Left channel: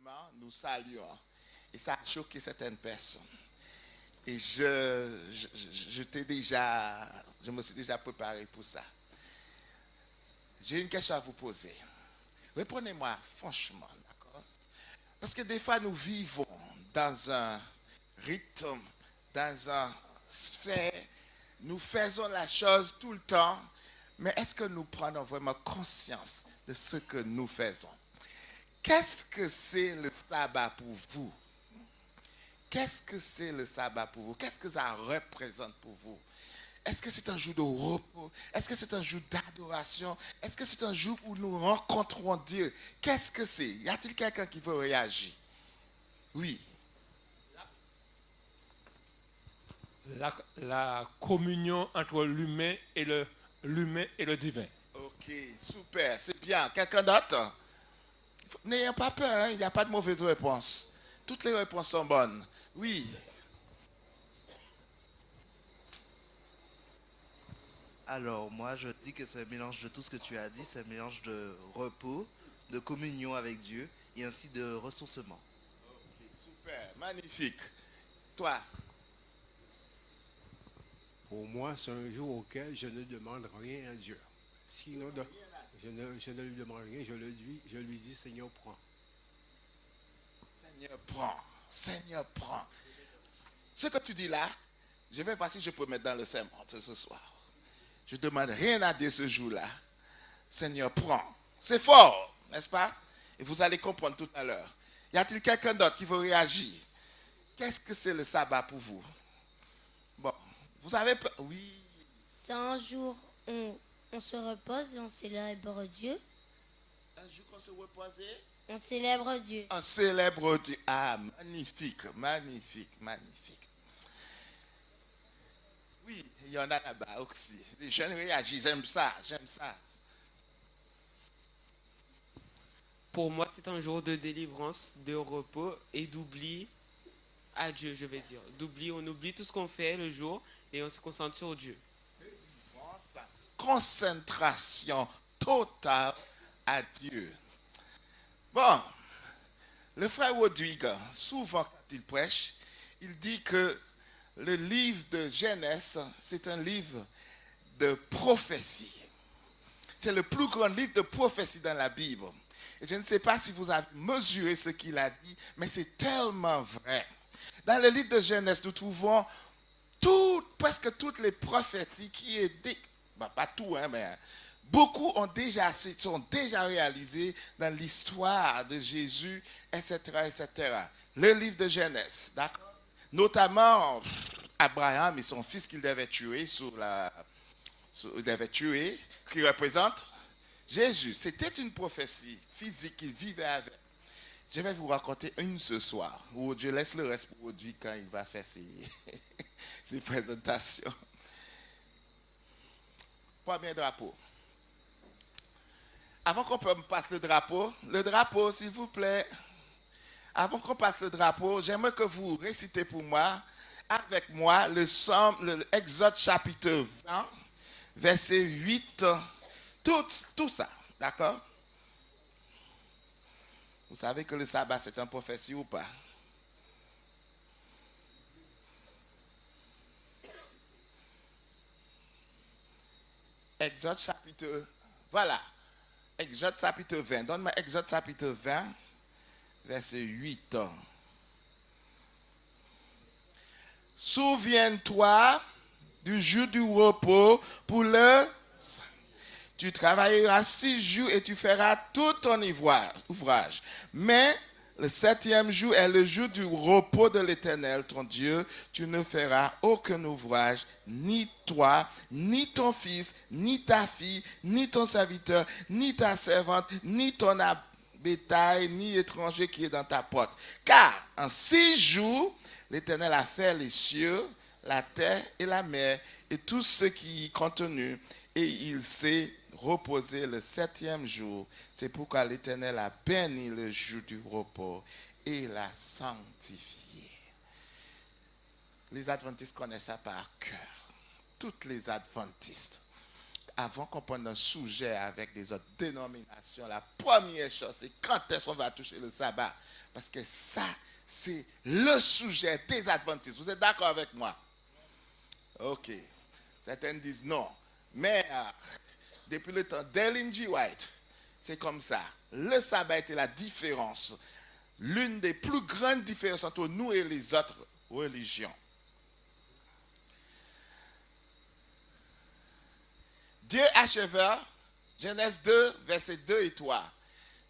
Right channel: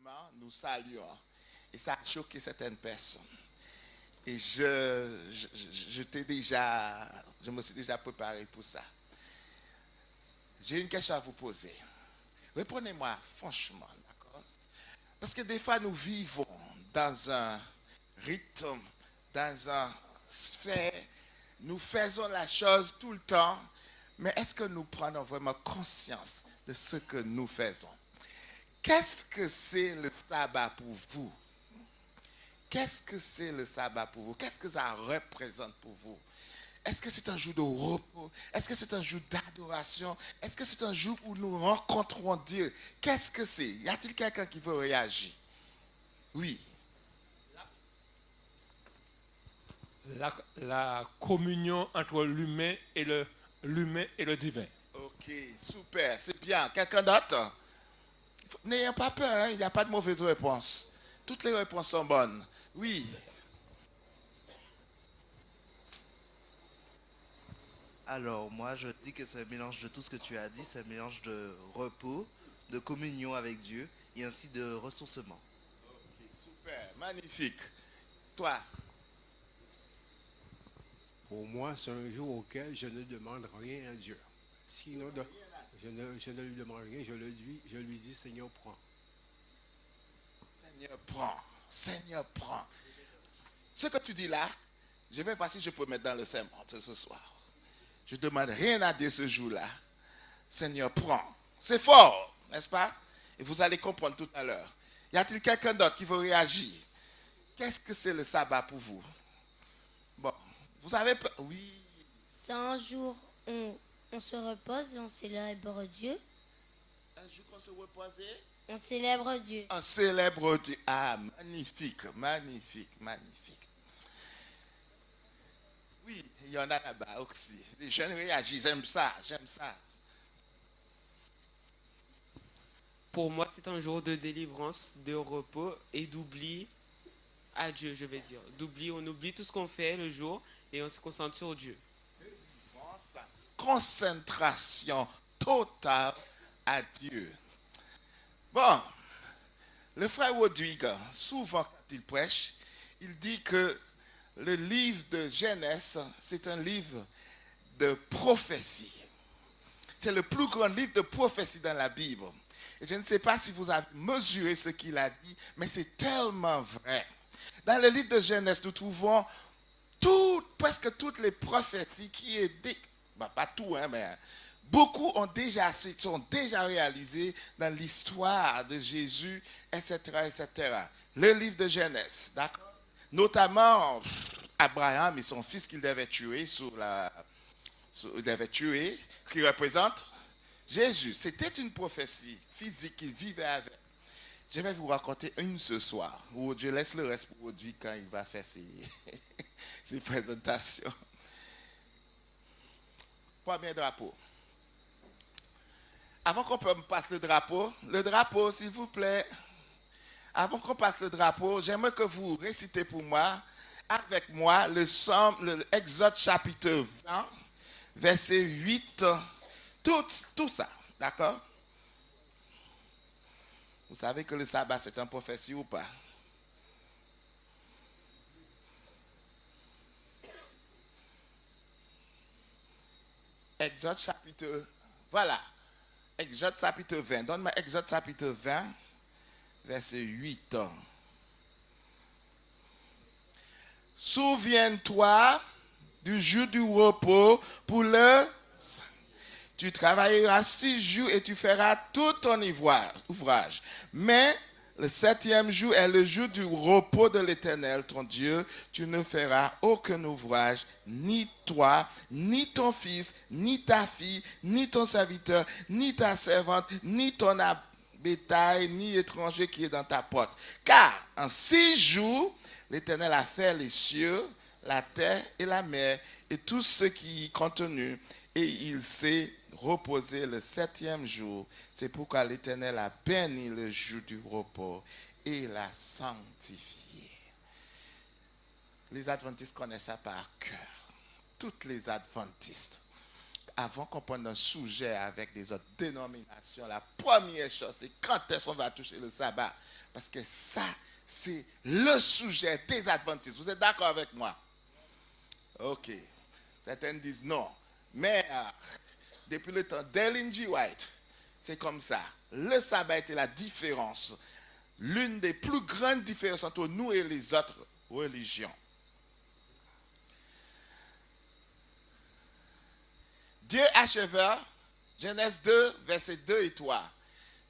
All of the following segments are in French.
rassemblement, nous saluons. Et ça a choqué certaines personnes. Et je me suis déjà préparé pour ça. J'ai une question à vous poser. Répondez-moi franchement, d'accord? Parce que des fois, nous vivons dans un rythme, dans un sphère, nous faisons la chose tout le temps, mais est-ce que nous prenons vraiment conscience de ce que nous faisons? Qu'est-ce que c'est le sabbat pour vous? Qu'est-ce que c'est le sabbat pour vous? Qu'est-ce que ça représente pour vous? Est-ce que c'est un jour de repos? Est-ce que c'est un jour d'adoration? Est-ce que c'est un jour où nous rencontrons Dieu? Qu'est-ce que c'est? Y a-t-il quelqu'un qui veut réagir? Oui. La communion entre l'humain et le divin. Ok, super, c'est bien. Quelqu'un d'autre? N'ayez pas peur, hein, il n'y a pas de mauvaise réponse. Toutes les réponses sont bonnes. Oui. Alors, moi, je dis que c'est un mélange de tout ce que tu as dit, c'est un mélange de repos, de communion avec Dieu et ainsi de ressourcement. Ok, super, magnifique. Toi? Pour moi, c'est un jour auquel je ne demande rien à Dieu. Sinon, je ne lui demande rien, je lui dis, Seigneur, prends. Seigneur, prends. Seigneur, prends. Ce que tu dis là, je vais voir si je peux mettre dans le sermon ce soir. Je ne demande rien à Dieu ce jour-là. Seigneur, prends. C'est fort, n'est-ce pas? Et vous allez comprendre tout à l'heure. Y a-t-il quelqu'un d'autre qui veut réagir? Qu'est-ce que c'est le sabbat pour vous? Bon, vous avez... Oui. C'est un jour où on se repose et on célèbre Dieu. Un jour qu'on se reposait? On célèbre Dieu. On célèbre Dieu. Ah, magnifique, magnifique, magnifique. Oui, il y en a là-bas aussi. Les jeunes réagissent, j'aime ça, j'aime ça. Pour moi, c'est un jour de délivrance, de repos et d'oubli à Dieu, je vais dire. D'oubli, on oublie tout ce qu'on fait le jour et on se concentre sur Dieu. Concentration totale à Dieu. Bon, le frère Rodrigue, souvent quand il prêche, il dit que le livre de Genèse, c'est un livre de prophétie. C'est le plus grand livre de prophétie dans la Bible. Et je ne sais pas si vous avez mesuré ce qu'il a dit, mais c'est tellement vrai. Dans le livre de Genèse, nous trouvons presque toutes les prophéties qui étaient, pas tout, hein, mais beaucoup sont déjà réalisées dans l'histoire de Jésus, etc., etc. Le livre de Genèse, d'accord? Notamment Abraham et son fils qu'il devait tuer qui représente Jésus. C'était une prophétie physique qu'il vivait avec. Je vais vous raconter une ce soir, où je laisse le reste pour aujourd'hui quand il va faire ses présentations. Premier drapeau. Avant qu'on passe le drapeau, s'il vous plaît, avant qu'on passe le drapeau, j'aimerais que vous récitez pour moi, avec moi, l'Exode chapitre 20, verset 8, tout ça, d'accord? Vous savez que le sabbat, c'est une prophétie ou pas? Exode chapitre, voilà, Exode chapitre 20. Donne-moi Exode chapitre 20, verset 8. Souviens-toi du jour du repos pour le... Tu travailleras 6 jours et tu feras tout ton ouvrage. Mais le 7e jour est le jour du repos de l'Éternel, ton Dieu. Tu ne feras aucun ouvrage, ni toi, ni ton fils, ni ta fille, ni ton serviteur, ni ta servante, ni ton bétail, ni étranger qui est dans ta porte. Car en 6 jours, l'Éternel a fait les cieux, la terre et la mer, et tout ce qui y est contenu, et il s'est reposer le 7e jour. C'est pourquoi l'Éternel a béni le jour du repos et l'a sanctifié. Les adventistes connaissent ça par cœur. Toutes les adventistes. avant qu'on prenne un sujet avec des autres dénominations, la première chose, c'est quand est-ce qu'on va toucher le sabbat. Parce que ça, c'est le sujet des adventistes. Vous êtes d'accord avec moi? Ok. Certains disent non. Mais depuis le temps d'Ellen G. White, c'est comme ça. Le sabbat était la différence. L'une des plus grandes différences entre nous et les autres religions. Dieu acheva, Genèse 2, versets 2 et 3.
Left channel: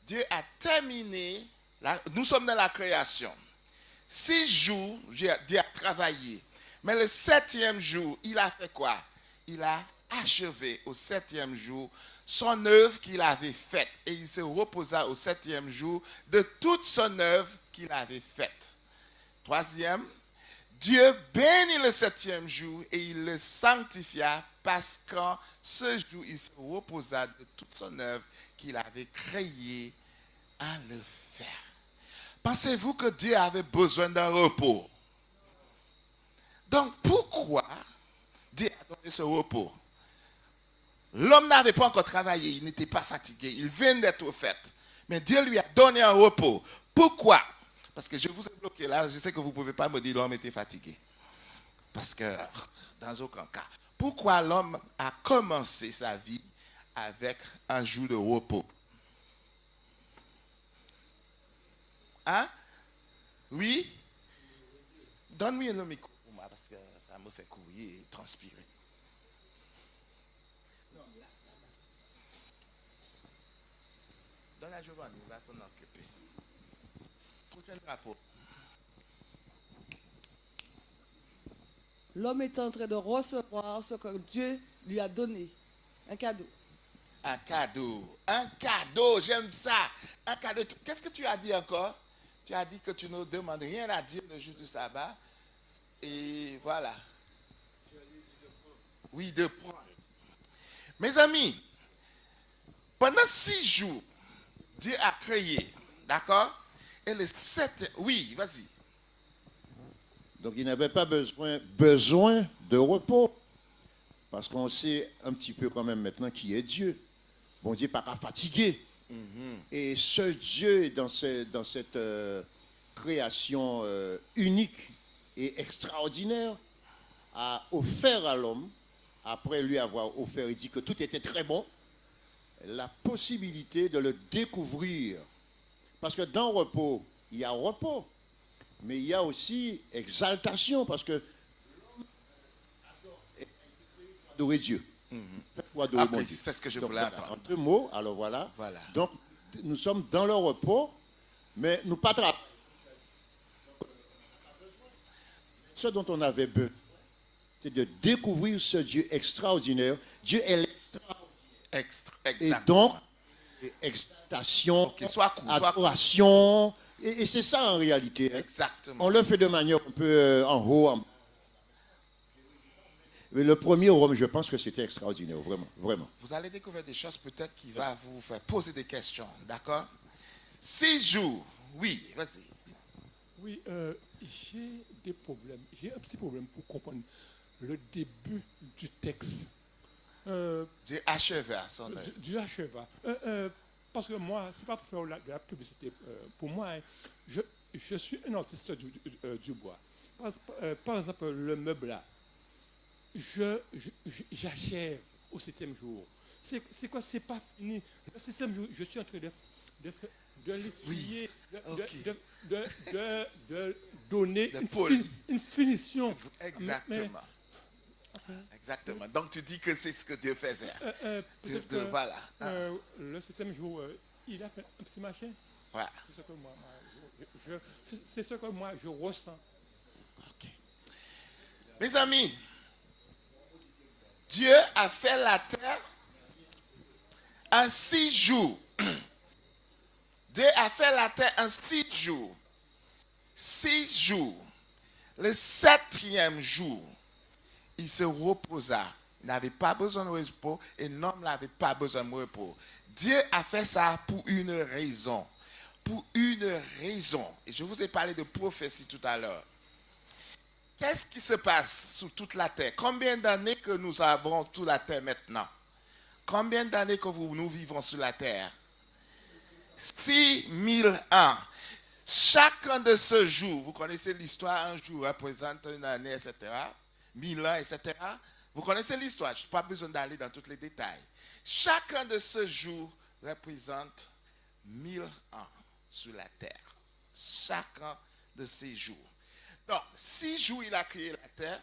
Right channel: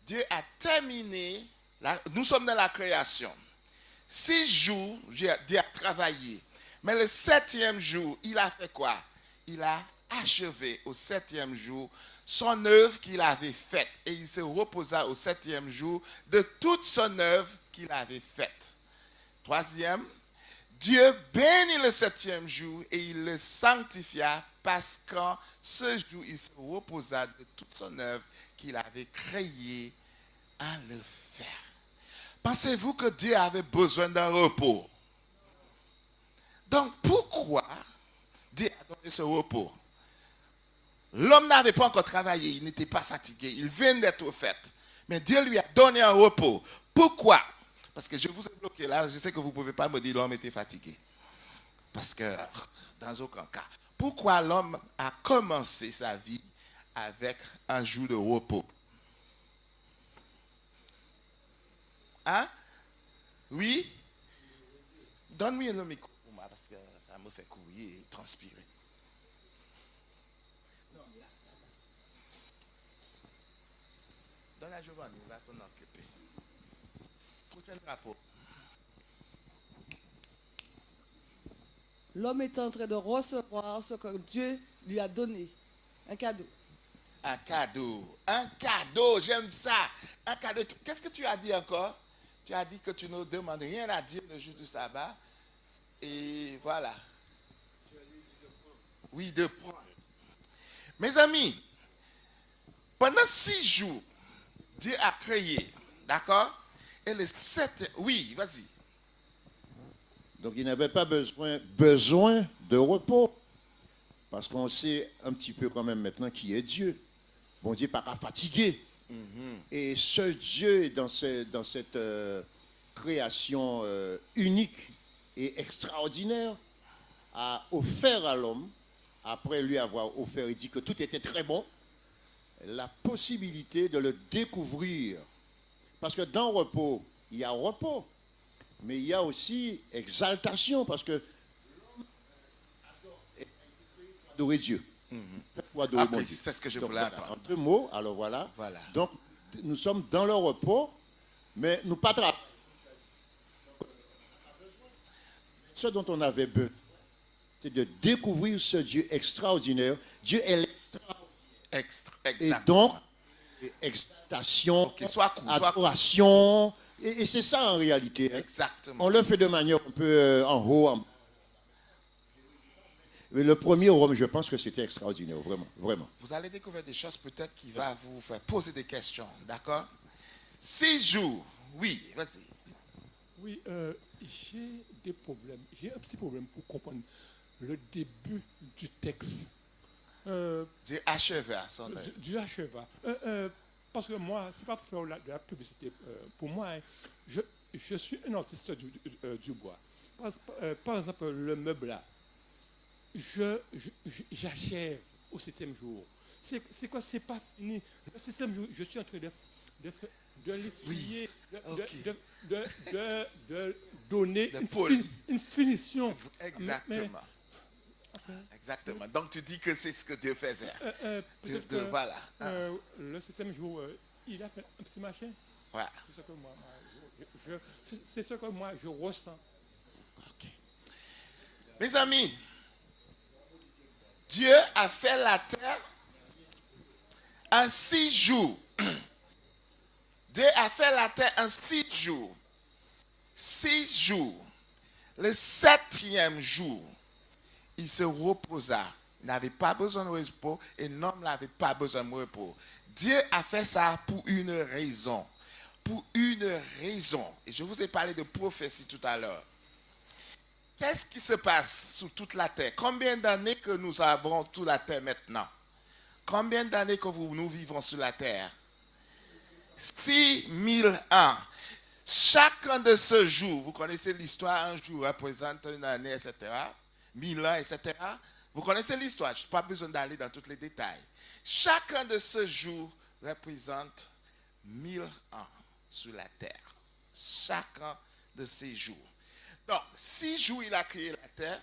Dieu a terminé, nous sommes dans la création. 6 jours, Dieu a travaillé. Mais le 7e jour, il a fait quoi? Il a achevé au 7e jour son œuvre qu'il avait faite. Et il se reposa au 7e jour de toute son œuvre qu'il avait faite. 3e, Dieu bénit le 7e jour et il le sanctifia parce qu'en ce jour, il se reposa de toute son œuvre qu'il avait créée à le faire. Pensez-vous que Dieu avait besoin d'un repos? Donc pourquoi Dieu a donné ce repos? L'homme n'avait pas encore travaillé, il n'était pas fatigué, il vient d'être fait. Mais Dieu lui a donné un repos. Pourquoi? Parce que je vous ai bloqué là, je sais que vous ne pouvez pas me dire l'homme était fatigué. Parce que dans aucun cas. Pourquoi l'homme a commencé sa vie avec un jour de repos? Hein? Oui? Donne-moi le micro pour moi parce que ça me fait courir et transpirer. Donne à Giovanni, là, s'en occuper. Prochain rapport. L'homme est en train de recevoir ce que Dieu lui a donné. Un cadeau. Un cadeau. Un cadeau, j'aime ça. Un cadeau. Qu'est-ce que tu as dit encore? Tu as dit que tu ne demandes rien à dire le jour du sabbat. Et voilà. Oui, de prendre. Mes amis, pendant 6 jours, Dieu a créé. D'accord? Et le 7... Oui, vas-y. Donc il n'avait pas besoin de repos. Parce qu'on sait un petit peu quand même maintenant qui est Dieu. Bon Dieu n'est pas fatigué. Et ce Dieu, dans cette création unique et extraordinaire, a offert à l'homme, après lui avoir offert, il dit que tout était très bon, la possibilité de le découvrir. Parce que dans repos, il y a repos, mais il y a aussi exaltation, parce que adorer Dieu. Adorer Okay, Dieu. c'est ce que je Donc, voulais voilà, entendre. entre mots, alors voilà. Donc, nous sommes dans le repos, mais nous pas travaillons. Ce dont on avait besoin, c'est de découvrir ce Dieu extraordinaire. Dieu est l'extraordinaire. Et donc, exaltation, Okay, soit court, adoration, et c'est ça en réalité. Exactement. On le fait de manière un peu en haut, en bas. Mais le premier Rome, je pense que c'était extraordinaire, vraiment, vraiment. Vous allez découvrir des choses peut-être qui vont vous faire poser des questions, d'accord? 6 jours, oui, vas-y. Oui, j'ai des problèmes. J'ai un petit problème pour comprendre le début du texte. Dieu acheva son œuvre. Dieu acheva. Parce que moi, c'est pas pour faire de la publicité. Pour moi, hein, je suis un artiste du bois. Par exemple, le meuble là. J'achève au 7e jour. C'est quoi? C'est pas fini. Le 7e jour, je suis en train de l'étudier, de donner une finition. Exactement. Exactement. Donc tu dis que c'est ce que Dieu faisait. Voilà. Le 7e jour, il a fait un petit machin. Voilà. C'est ce que moi je ressens. Ok. Mes amis, Dieu a fait la terre en 6 jours. Dieu a fait la terre en 6 jours. 6 jours. Le 7e jour, il se reposa. Il n'avait pas besoin de repos et l'homme n'avait pas besoin de repos. Dieu a fait ça pour une raison. Pour une raison. Et je vous ai parlé de prophétie tout à l'heure. Qu'est-ce qui se passe sur toute la terre? Combien d'années que nous avons sur la terre maintenant? Combien d'années que nous vivons sur la terre? 6001. Chacun de ce jour, vous connaissez l'histoire, un jour représente une année, etc. 1000 ans, etc. Vous connaissez l'histoire, je n'ai pas besoin d'aller dans tous les détails. Chacun de ce jour représente 1000 ans sur la terre. Chacun de ces jours. Donc, 6 jours, il a créé la terre.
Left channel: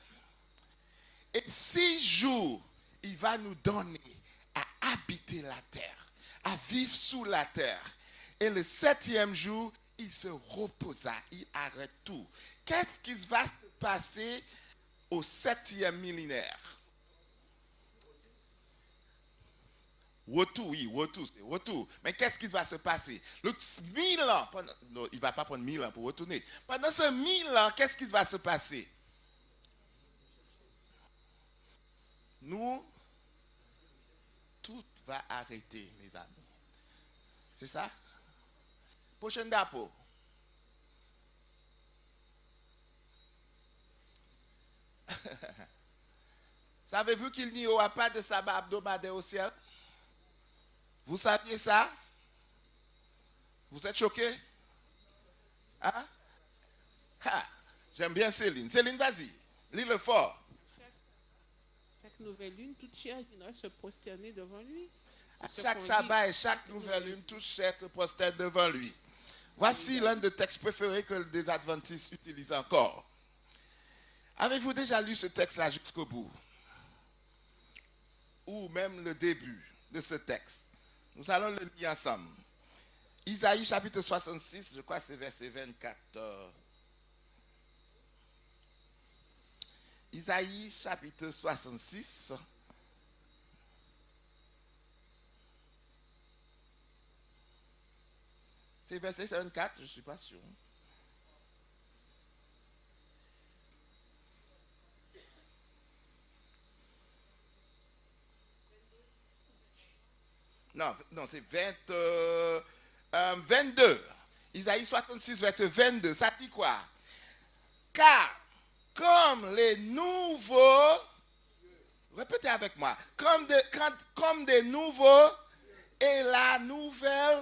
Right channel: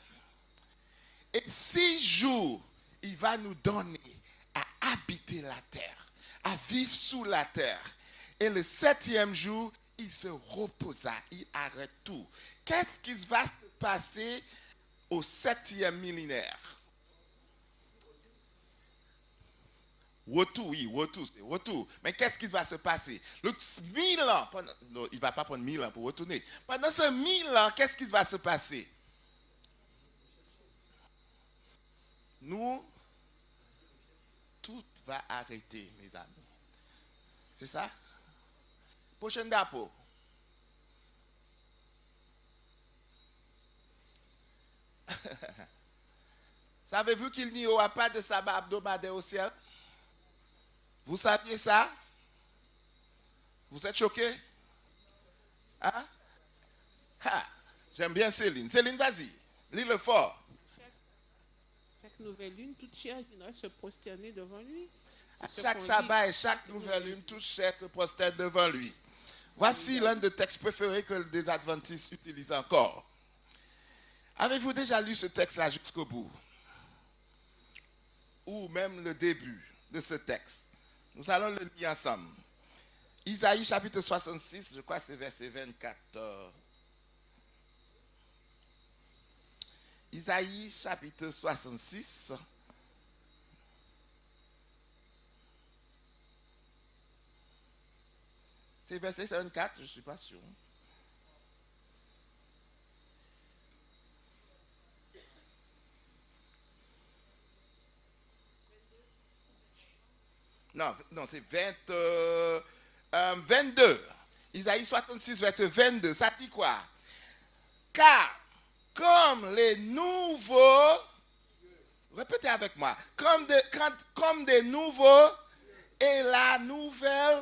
Et 6 jours, il va nous donner à habiter la terre, à vivre sous la terre. Et le 7e jour, il se reposa, il arrête tout. Qu'est-ce qui va se passer au 7e millénaire? Retour, oui, retour, c'est retour. Mais qu'est-ce qui va se passer? Le 1000 ans, non, il ne va pas prendre 1000 ans pour retourner. Pendant ce 1000 ans, qu'est-ce qui va se passer? Nous, tout va arrêter, mes amis. C'est ça? Prochaine d'apo. Savez-vous qu'il n'y aura pas de sabbat hebdomadaire au ciel? Vous saviez ça? Vous êtes choqués? Hein? Ah, j'aime bien Céline. Céline, vas-y. Lis-le fort. Chaque nouvelle lune, toute chair viendra se prosterner devant lui. À chaque sabbat et chaque nouvelle lune, toute chair se prosterne devant lui. Voici l'un des textes préférés que les adventistes utilisent encore. Avez-vous déjà lu ce texte-là jusqu'au bout? Ou même le début de ce texte? Nous allons le lire ensemble. Isaïe chapitre 66, je crois que c'est verset 24. Isaïe chapitre 66. C'est verset 24, je ne suis pas sûr. Non, c'est 22. Isaïe 66, verset 22. Ça dit quoi? Car, comme les nouveaux, répétez avec moi, comme des nouveaux, et la nouvelle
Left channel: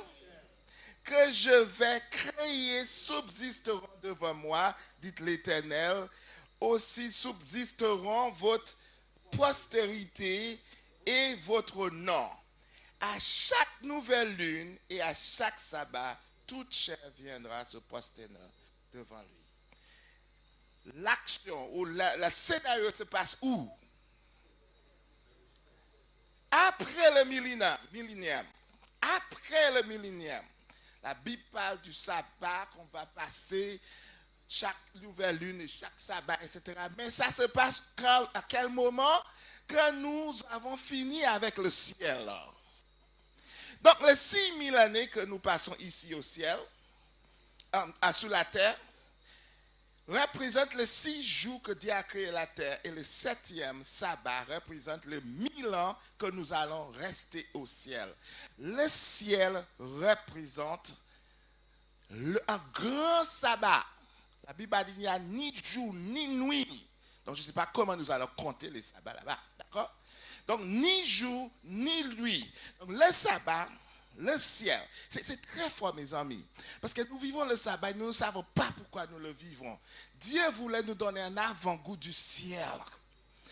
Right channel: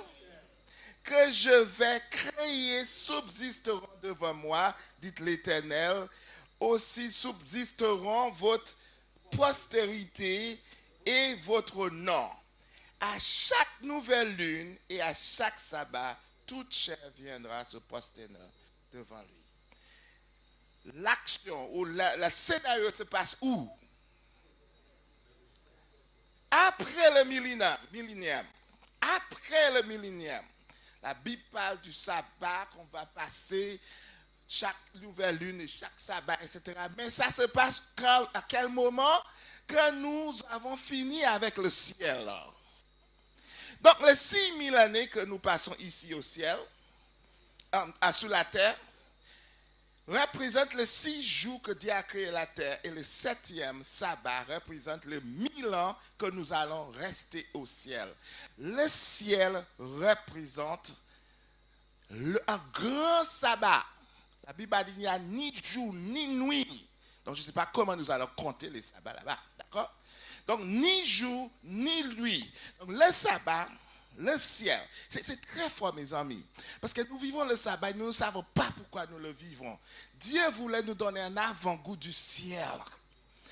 que je vais créer subsisteront devant moi, dit l'Éternel, aussi subsisteront votre postérité et votre nom. À chaque nouvelle lune et à chaque sabbat, toute chair viendra se prosterner devant lui. L'action ou le scénario se passe où? Après le millénium. Après le millénium. La Bible parle du sabbat qu'on va passer chaque nouvelle lune et chaque sabbat, etc. Mais ça se passe à quel moment? Quand nous avons fini avec le ciel. Donc les 6000 années que nous passons ici au ciel, sur la terre, représentent les 6 jours que Dieu a créé la terre. Et le 7e sabbat représente les 1000 ans que nous allons rester au ciel. Le ciel représente un grand sabbat. La Bible a dit qu'il n'y a ni jour ni nuit. Donc je ne sais pas comment nous allons compter les sabbats là-bas. D'accord? Donc ni jour ni nuit. Donc le sabbat, le ciel, c'est très fort mes amis. Parce que nous vivons le sabbat et nous ne savons pas pourquoi nous le vivons. Dieu voulait nous donner un avant-goût du ciel.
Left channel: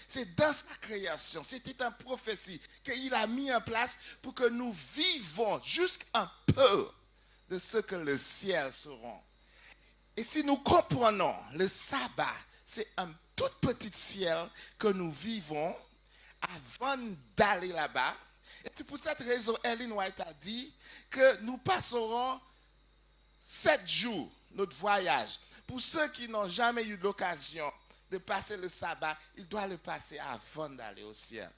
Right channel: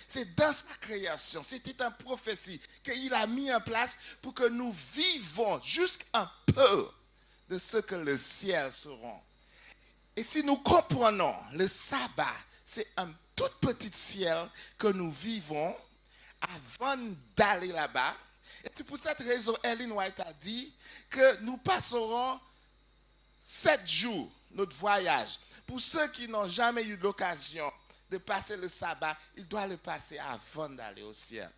C'est dans sa création, c'était une prophétie qu'il a mis en place pour que nous vivons jusqu'un peu de ce que le ciel sera. Et si nous comprenons le sabbat, c'est un tout petit ciel que nous vivons avant d'aller là-bas. Et c'est pour cette raison, Ellen White a dit que nous passerons 7 jours notre voyage. Pour ceux qui n'ont jamais eu l'occasion de passer le sabbat, ils doivent le passer avant d'aller au ciel.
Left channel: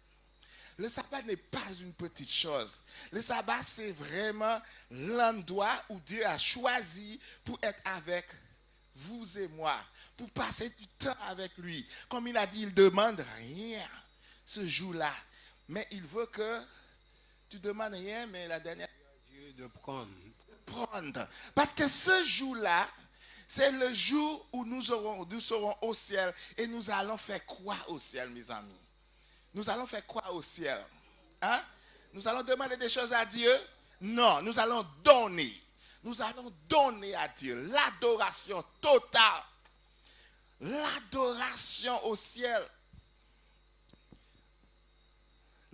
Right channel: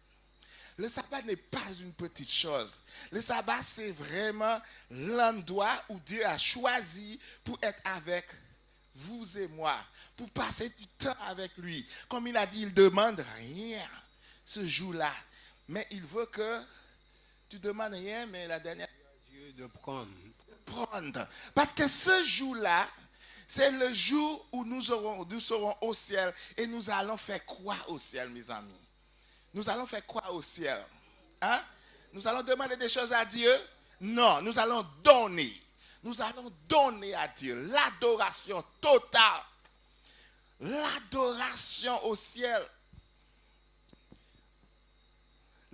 Le sabbat n'est pas une petite chose. Le sabbat, c'est vraiment l'endroit où Dieu a choisi pour être avec vous et moi, pour passer du temps avec lui. Comme il a dit, il ne demande rien ce jour-là. Mais il veut que tu ne demandes rien, mais la dernière... Dieu de prendre. Parce que ce jour-là, c'est le jour où nous serons au ciel. Et nous allons faire quoi au ciel, mes amis? Nous allons faire quoi au ciel? Hein? Nous allons demander des choses à Dieu? Non, nous allons donner. Nous allons donner à Dieu l'adoration totale. L'adoration au ciel.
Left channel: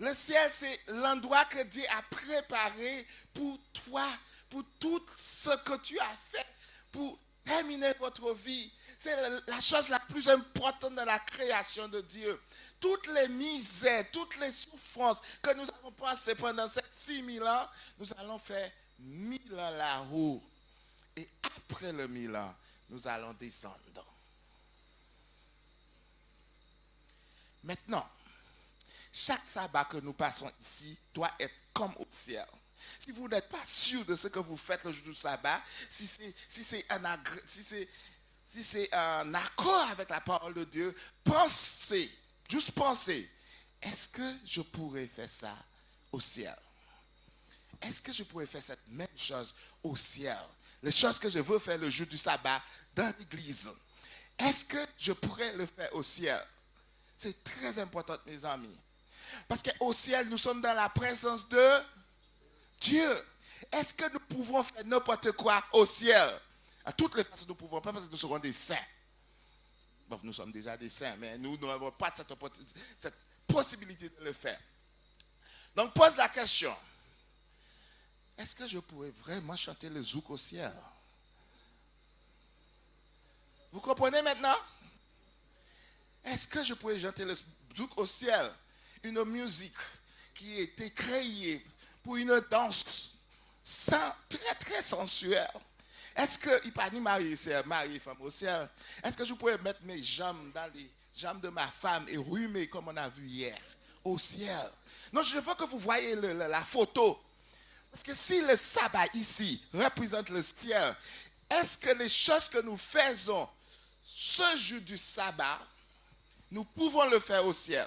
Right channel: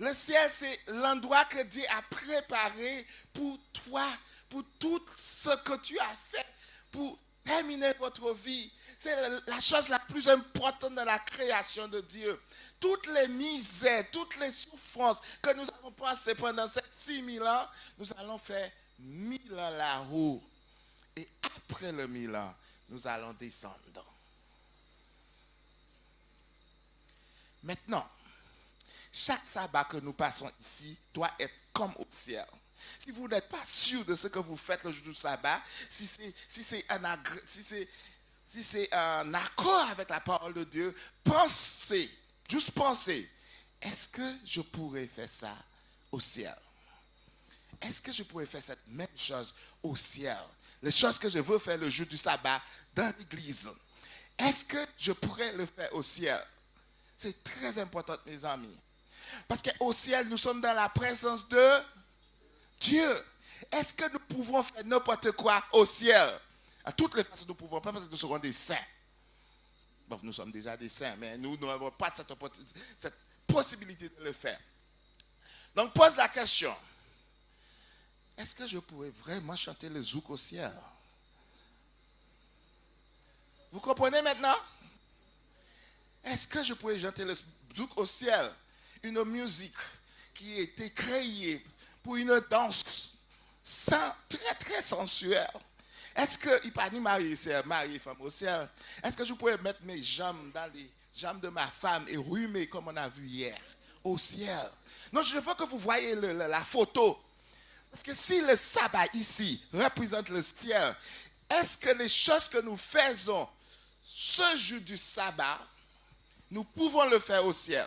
Le ciel, c'est l'endroit que Dieu a préparé pour toi, pour tout ce que tu as fait, pour terminer votre vie. C'est la chose la plus importante de la création de Dieu. Toutes les misères, toutes les souffrances que nous avons passées pendant ces 6000 ans, nous allons faire 1000 ans là-haut. Et après le 1000 ans, nous allons descendre. Maintenant, chaque sabbat que nous passons ici doit être comme au ciel. Si vous n'êtes pas sûr de ce que vous faites le jour du sabbat, si c'est un accord avec la parole de Dieu, pensez, juste pensez, est-ce que je pourrais faire ça au ciel? Est-ce que je pourrais faire cette même chose au ciel? Les choses que je veux faire le jour du sabbat dans l'église, est-ce que je pourrais le faire au ciel? C'est très important, mes amis. Parce qu'au ciel, nous sommes dans la présence de Dieu. Est-ce que nous pouvons faire n'importe quoi au ciel? À toutes les façons, nous ne pouvons pas parce que nous serons des saints. Bon, nous sommes déjà des saints, mais nous n'avons pas cette possibilité de le faire. Donc, pose la question. Est-ce que je pourrais vraiment chanter le zouk au ciel? Vous comprenez maintenant? Est-ce que je pourrais chanter le zouk au ciel? Une musique qui a été créée pour une danse très très sensuelle. Est-ce que, il pas ni marié, c'est marié femme au ciel. Est-ce que je pourrais mettre mes jambes dans les jambes de ma femme et rhumer comme on a vu hier au ciel? Non, je veux que vous voyez la photo. Parce que si le sabbat ici représente le ciel, est-ce que les choses que nous faisons ce jour du sabbat, nous pouvons le faire au ciel?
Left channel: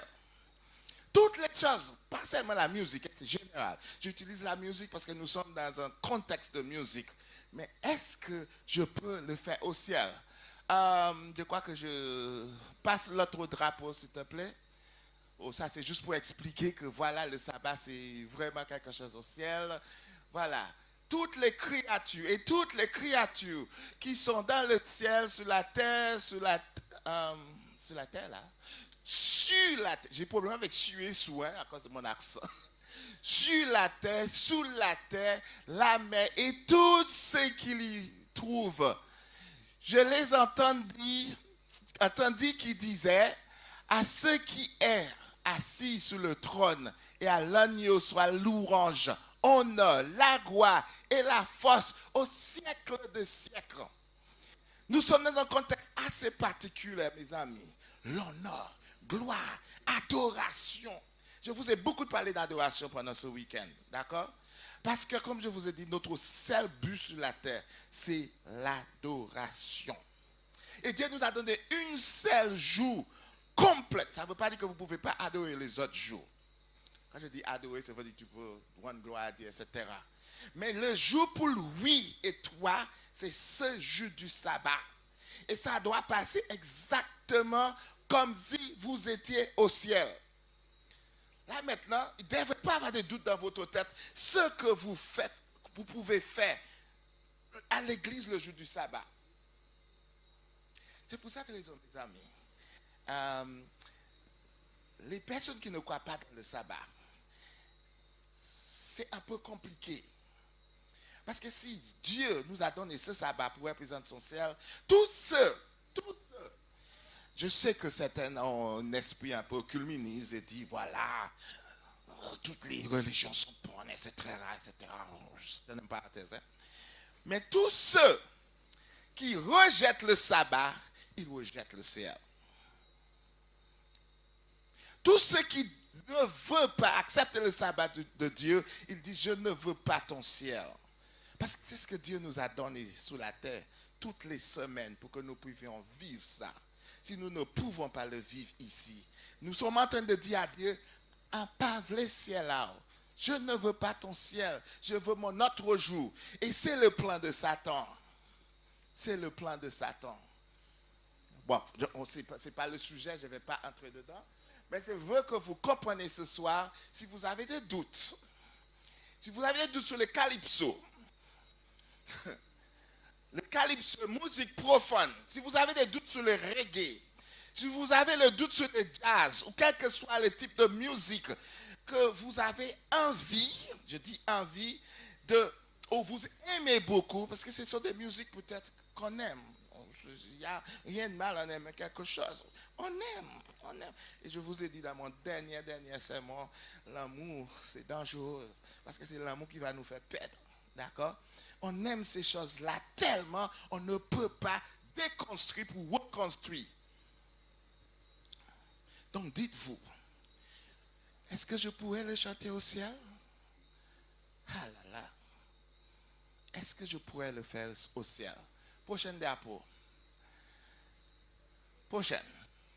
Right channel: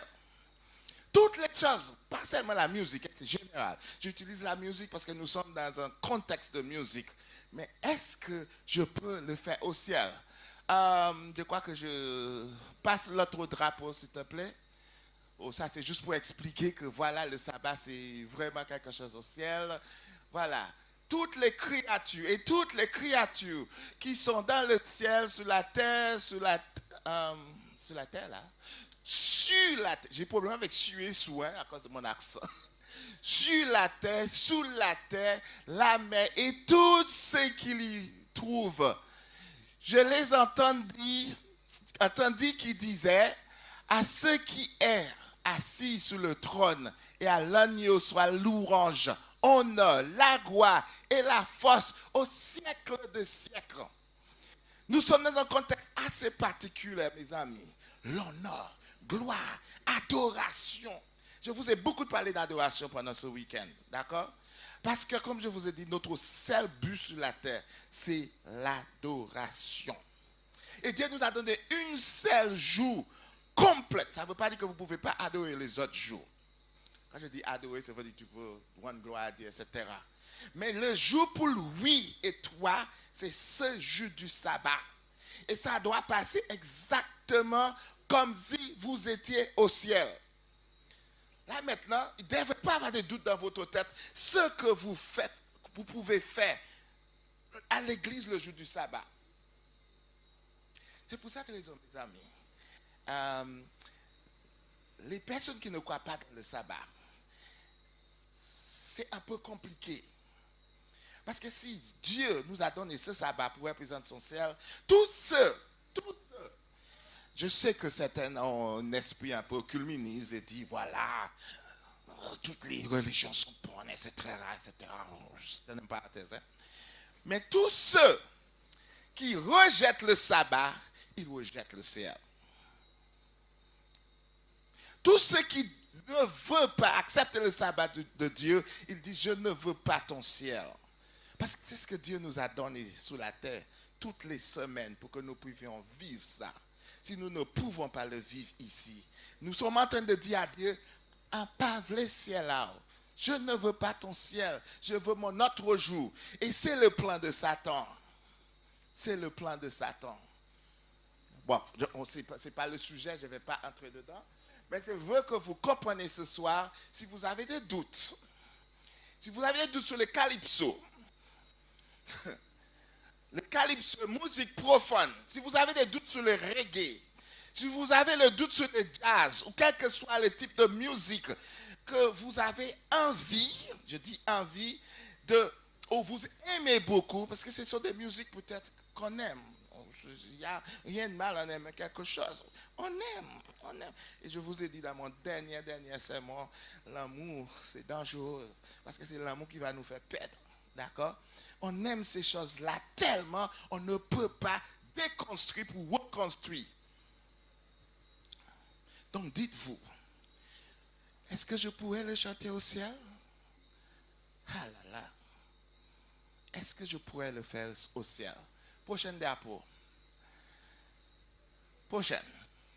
Toutes les choses, pas seulement la musique, c'est général. J'utilise la musique parce que nous sommes dans un contexte de musique. Mais est-ce que je peux le faire au ciel? Je crois que je passe l'autre drapeau, s'il te plaît. Oh, ça, c'est juste pour expliquer que voilà, le sabbat, c'est vraiment quelque chose au ciel. Voilà. Toutes les créatures et toutes les créatures qui sont dans le ciel, sur la terre, sur la terre, là. Sur la terre, j'ai problème avec suer sous, à cause de mon accent. Sur la terre, sous la terre, la mer et tout ce qu'il y trouve. Je les entendis qui disaient à ceux qui est assis sur le trône et à l'agneau soit louange, honneur, la gloire et la force au siècle des siècles. Nous sommes dans un contexte assez particulier, mes amis. L'honneur, gloire, adoration. Je vous ai beaucoup parlé d'adoration pendant ce week-end, d'accord? Parce que, comme je vous ai dit, notre seul but sur la terre, c'est l'adoration. Et Dieu nous a donné une seule jour complète. Ça ne veut pas dire que vous ne pouvez pas adorer les autres jours. Quand je dis adorer, ça veut dire que tu peux rendre gloire à Dieu, etc. Mais le jour pour lui et toi, c'est ce jour du sabbat. Et ça doit passer exactement comme si vous étiez au ciel. Là maintenant, il ne devait pas avoir de doute dans votre tête. Ce que vous faites, vous pouvez faire à l'église le jour du sabbat. C'est pour ça que les amis, les personnes qui ne croient pas dans le sabbat, c'est un peu compliqué. Parce que si Dieu nous a donné ce sabbat pour représenter son ciel, tous ceux, je sais que certains ont un esprit un peu culministe et dit, voilà, toutes les religions sont bonnes, etc. Je n'aime pas la thèse. Mais tous ceux qui rejettent le sabbat, ils rejettent le ciel. Tous ceux qui ne veulent pas accepter le sabbat de Dieu, ils disent, je ne veux pas ton ciel. Parce que c'est ce que Dieu nous a donné sur la terre toutes les semaines pour que nous puissions vivre ça. Si nous ne pouvons pas le vivre ici, nous sommes en train de dire à Dieu, apave le ciel là. Je ne veux pas ton ciel, je veux mon autre jour. Et c'est le plan de Satan. C'est le plan de Satan. Bon, ce n'est pas le sujet, je ne vais pas entrer dedans. Mais je veux que vous compreniez ce soir, si vous avez des doutes, Si vous avez des doutes sur le calypso, le calypso, musique profane, si vous avez des doutes sur le reggae, si vous avez le doute sur le jazz, ou quel que soit le type de musique que vous avez envie, je dis envie, ou vous aimez beaucoup, parce que ce sont des musiques peut-être qu'on aime. Il n'y a rien de mal à aimer quelque chose. On aime, on aime. Et je vous ai dit dans mon dernier sermon, l'amour, c'est dangereux, parce que c'est l'amour qui va nous faire perdre. D'accord? On aime ces choses-là tellement, on ne peut pas déconstruire pour reconstruire. Donc dites-vous, est-ce que je pourrais le chanter au ciel? Ah là là. Est-ce que je pourrais le faire au ciel? Prochaine diapo. Prochaine.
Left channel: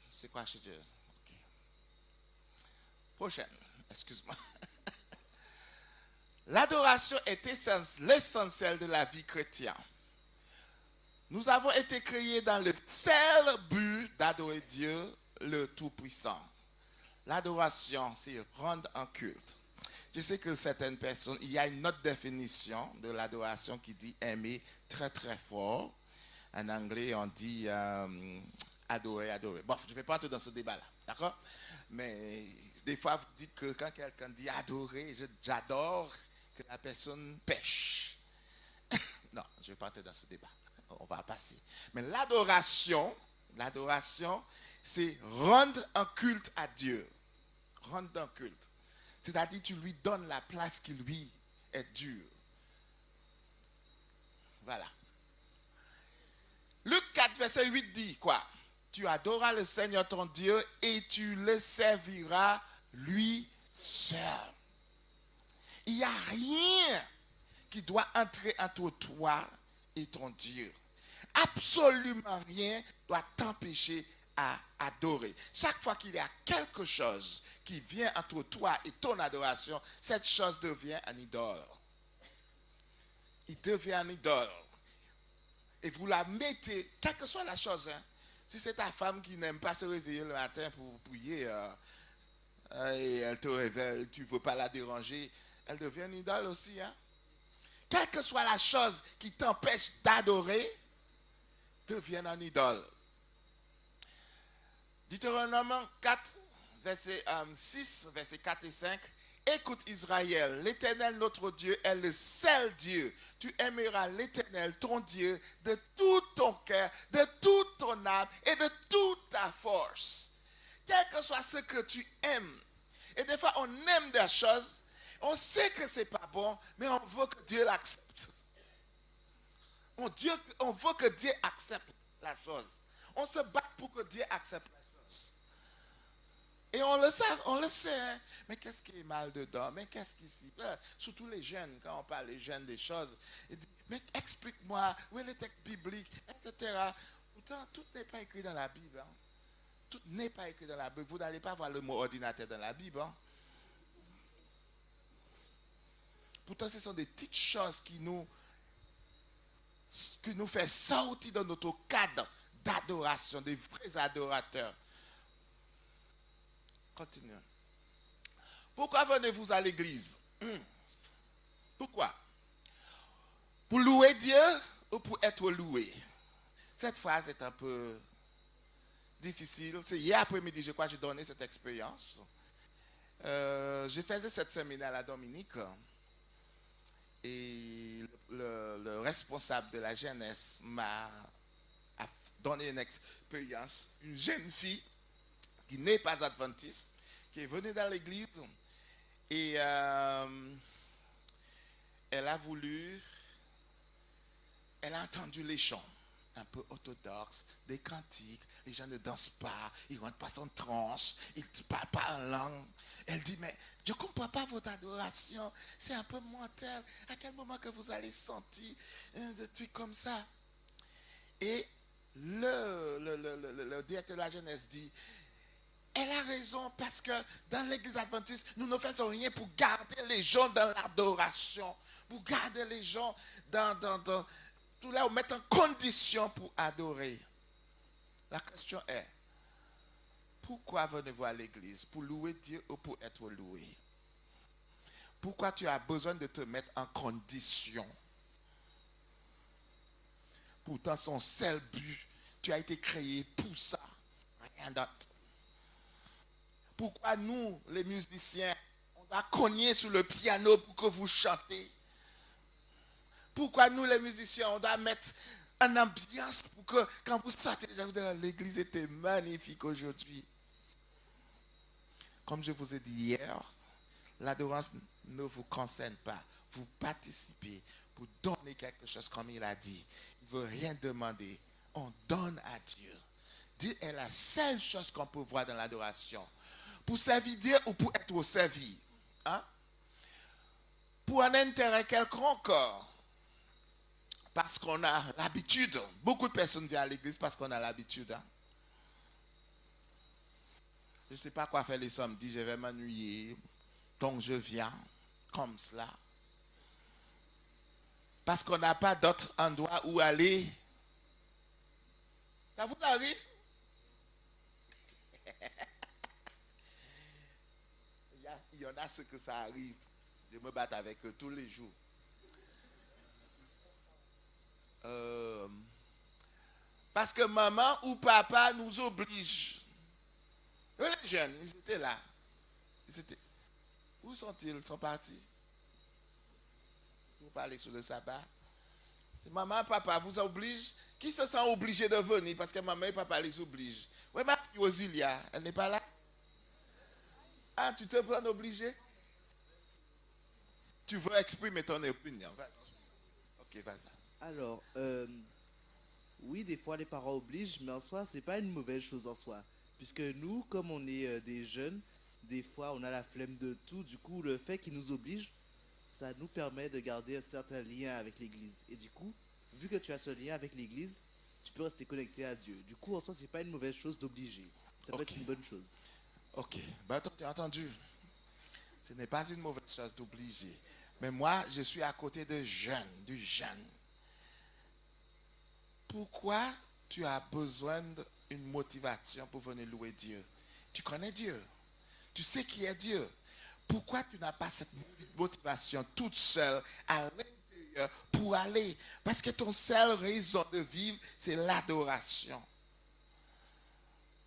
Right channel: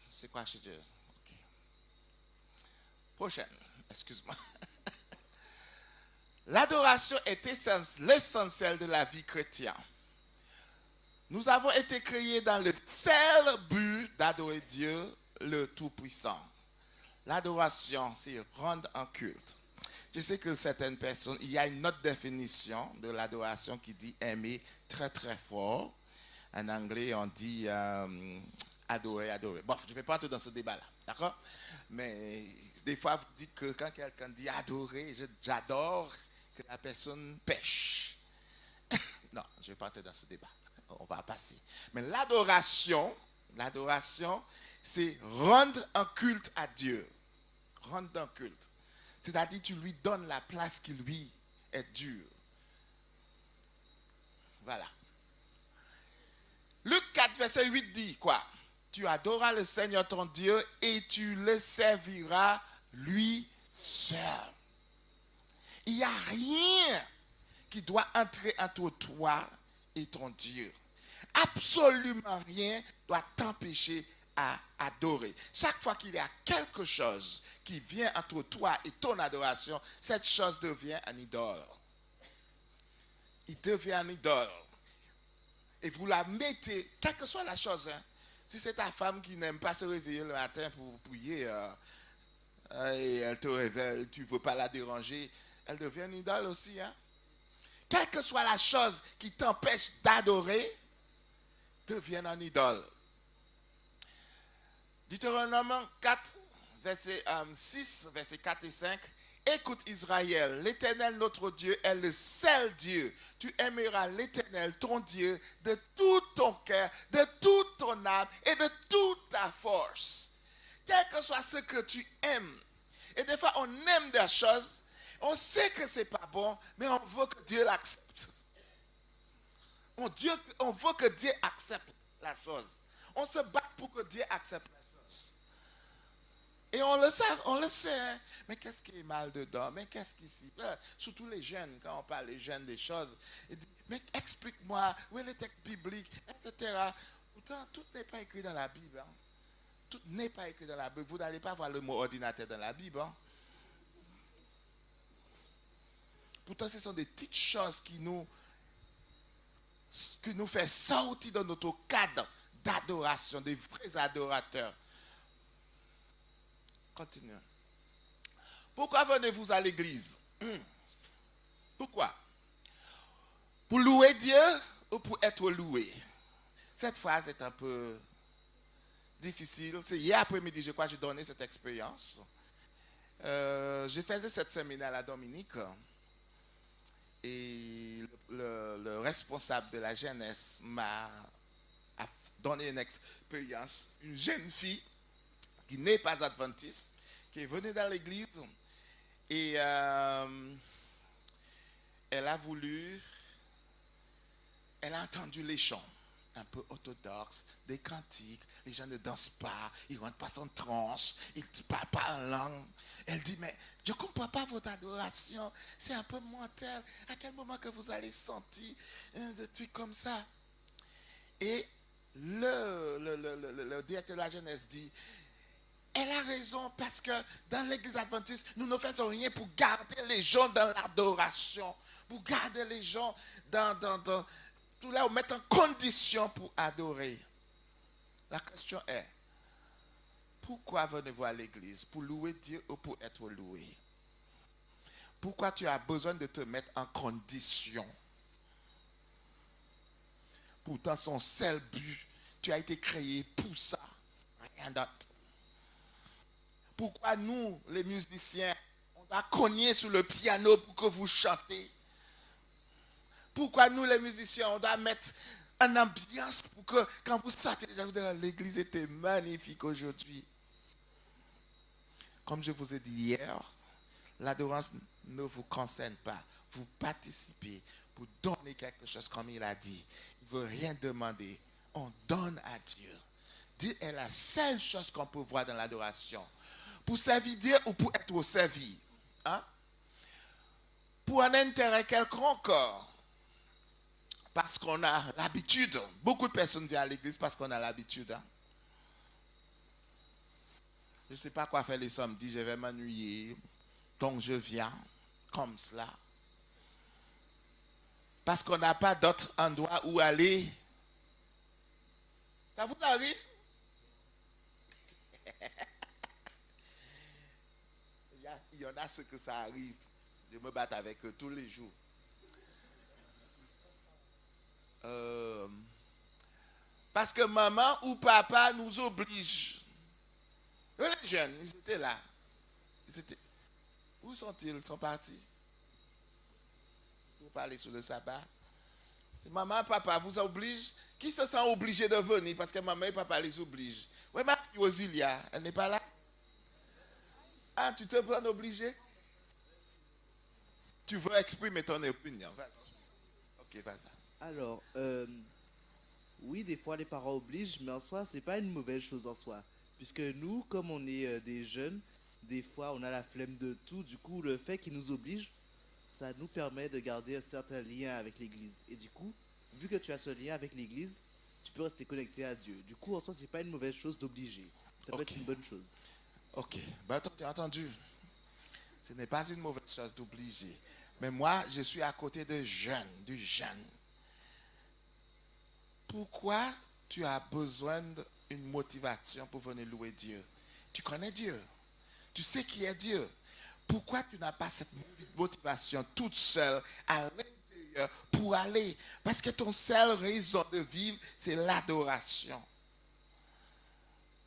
C'est quoi, je dis? Okay. Prochaine. Excuse-moi. L'adoration est l'essentiel de la vie chrétienne. Nous avons été créés dans le seul but d'adorer Dieu, le Tout-Puissant. L'adoration, c'est rendre en culte. Je sais que certaines personnes, il y a une autre définition de l'adoration qui dit aimer très très fort. En anglais, on dit adorer, adorer. Bon, je ne vais pas entrer dans ce débat-là, d'accord? Mais des fois, vous dites que quand quelqu'un dit adorer, j'adore que la personne pêche. Non, je ne vais pas entrer dans ce débat. On va passer. Mais l'adoration, c'est rendre un culte à Dieu. Rendre un culte. C'est-à-dire, tu lui donnes la place qui lui est due. Voilà. Luc 4, verset 8 dit quoi? Tu adoreras le Seigneur ton Dieu et tu le serviras lui seul. Il n'y a rien qui doit entrer entre toi et ton Dieu. Absolument rien doit t'empêcher à adorer. Chaque fois qu'il y a quelque chose qui vient entre toi et ton adoration, cette chose devient un idole. Il devient un idole. Et vous la mettez, quelle que soit la chose. Hein. Si c'est ta femme qui n'aime pas se réveiller le matin pour prier, et elle te réveille, tu ne veux pas la déranger, elle devient une idole aussi. Hein. Quelle que soit la chose qui t'empêche d'adorer, devient un idole. Deutéronome 4, verset 6, verset 4 et 5. Écoute Israël, l'Éternel notre Dieu est le seul Dieu. Tu aimeras l'Éternel ton Dieu de tout ton cœur, de toute ton âme et de toute ta force. Quel que soit ce que tu aimes. Et des fois on aime des choses, on sait que c'est pas bon, mais on veut que Dieu l'accepte. On veut que Dieu accepte la chose. On se bat pour que Dieu accepte la chose. Et on le sait, hein? Mais qu'est-ce qui est mal dedans? Mais qu'est-ce qui s'y passe? Surtout les jeunes, quand on parle des jeunes des choses, ils disent, mais explique-moi, où est le texte biblique, etc. Pourtant, tout n'est pas écrit dans la Bible. Hein? Tout n'est pas écrit dans la Bible. Vous n'allez pas voir le mot ordinateur dans la Bible. Hein? Pourtant, ce sont des petites choses qui nous fait sortir de notre cadre d'adoration, des vrais adorateurs. Continuons. Pourquoi venez-vous à l'église? Pourquoi? Pour louer Dieu ou pour être loué? Cette phrase est un peu difficile. C'est hier après-midi, je crois, que j'ai donné cette expérience. Je faisais cette séminaire à la Dominique et le responsable de la jeunesse m'a donné une expérience. Une jeune fille qui n'est pas adventiste, qui est venue dans l'église et elle a entendu les chants un peu orthodoxes, des cantiques, les gens ne dansent pas, ils ne rentrent pas en transe, ils ne parlent pas en langue. Elle dit, mais je ne comprends pas votre adoration, c'est un peu mortel. À quel moment que vous allez sentir des trucs comme ça? Et le directeur de la jeunesse dit, elle a raison parce que dans l'église adventiste, nous ne faisons rien pour garder les gens dans l'adoration, pour garder les gens dans tout là, on met en condition pour adorer. La question est, pourquoi venez-vous à l'église? Pour louer Dieu ou pour être loué? Pourquoi tu as besoin de te mettre en condition? Pourtant, son seul but, tu as été créé pour ça, rien d'autre. Pourquoi nous, les musiciens, on va cogner sur le piano pour que vous chantez? Pourquoi nous, les musiciens, on doit mettre une ambiance pour que quand vous sortez, l'église était magnifique aujourd'hui. Comme je vous ai dit hier, l'adoration ne vous concerne pas. Vous participez pour donner quelque chose comme il a dit. Il ne veut rien demander. On donne à Dieu. Dieu est la seule chose qu'on peut voir dans l'adoration. Pour servir Dieu ou pour être servi. Hein? Pour un intérêt quelconque. Parce qu'on a l'habitude. Beaucoup de personnes viennent à l'église parce qu'on a l'habitude. Hein? Je ne sais pas quoi faire les samedis, je vais m'ennuyer. Donc je viens comme cela. Parce qu'on n'a pas d'autre endroit où aller. Ça vous arrive? Il y en a ce que ça arrive. Je me bats avec eux tous les jours. Parce que maman ou papa nous oblige. Les jeunes, ils étaient là. Où sont-ils? Ils sont partis. Vous parlez sur le sabbat. C'est maman et papa vous obligent. Qui se sent obligé de venir parce que maman et papa les obligent? Oui, ma fille Osilia, elle n'est pas là. Ah, tu te prends obligé? Tu veux exprimer ton opinion? Vas-y. Ok, vas-y. Alors, oui, des fois les parents obligent, mais en soi, c'est pas une mauvaise chose en soi. Puisque nous, comme on est des jeunes, des fois on a la flemme de tout. Du coup, le fait qu'ils nous obligent, ça nous permet de garder un certain lien avec l'église. Et du coup, vu que tu as ce lien avec l'église, tu peux rester connecté à Dieu. Du coup, en soi, c'est pas une mauvaise chose d'obliger. Ça peut être une bonne chose. Ok, ben, tu as entendu. Ce n'est pas une mauvaise chose d'obliger. Mais moi, je suis à côté de jeunes, du jeune. Pourquoi tu as besoin d'une motivation pour venir louer Dieu? Tu connais Dieu. Tu sais qui est Dieu. Pourquoi tu n'as pas cette motivation toute seule à l'intérieur pour aller? Parce que ton seule raison de vivre, c'est l'adoration.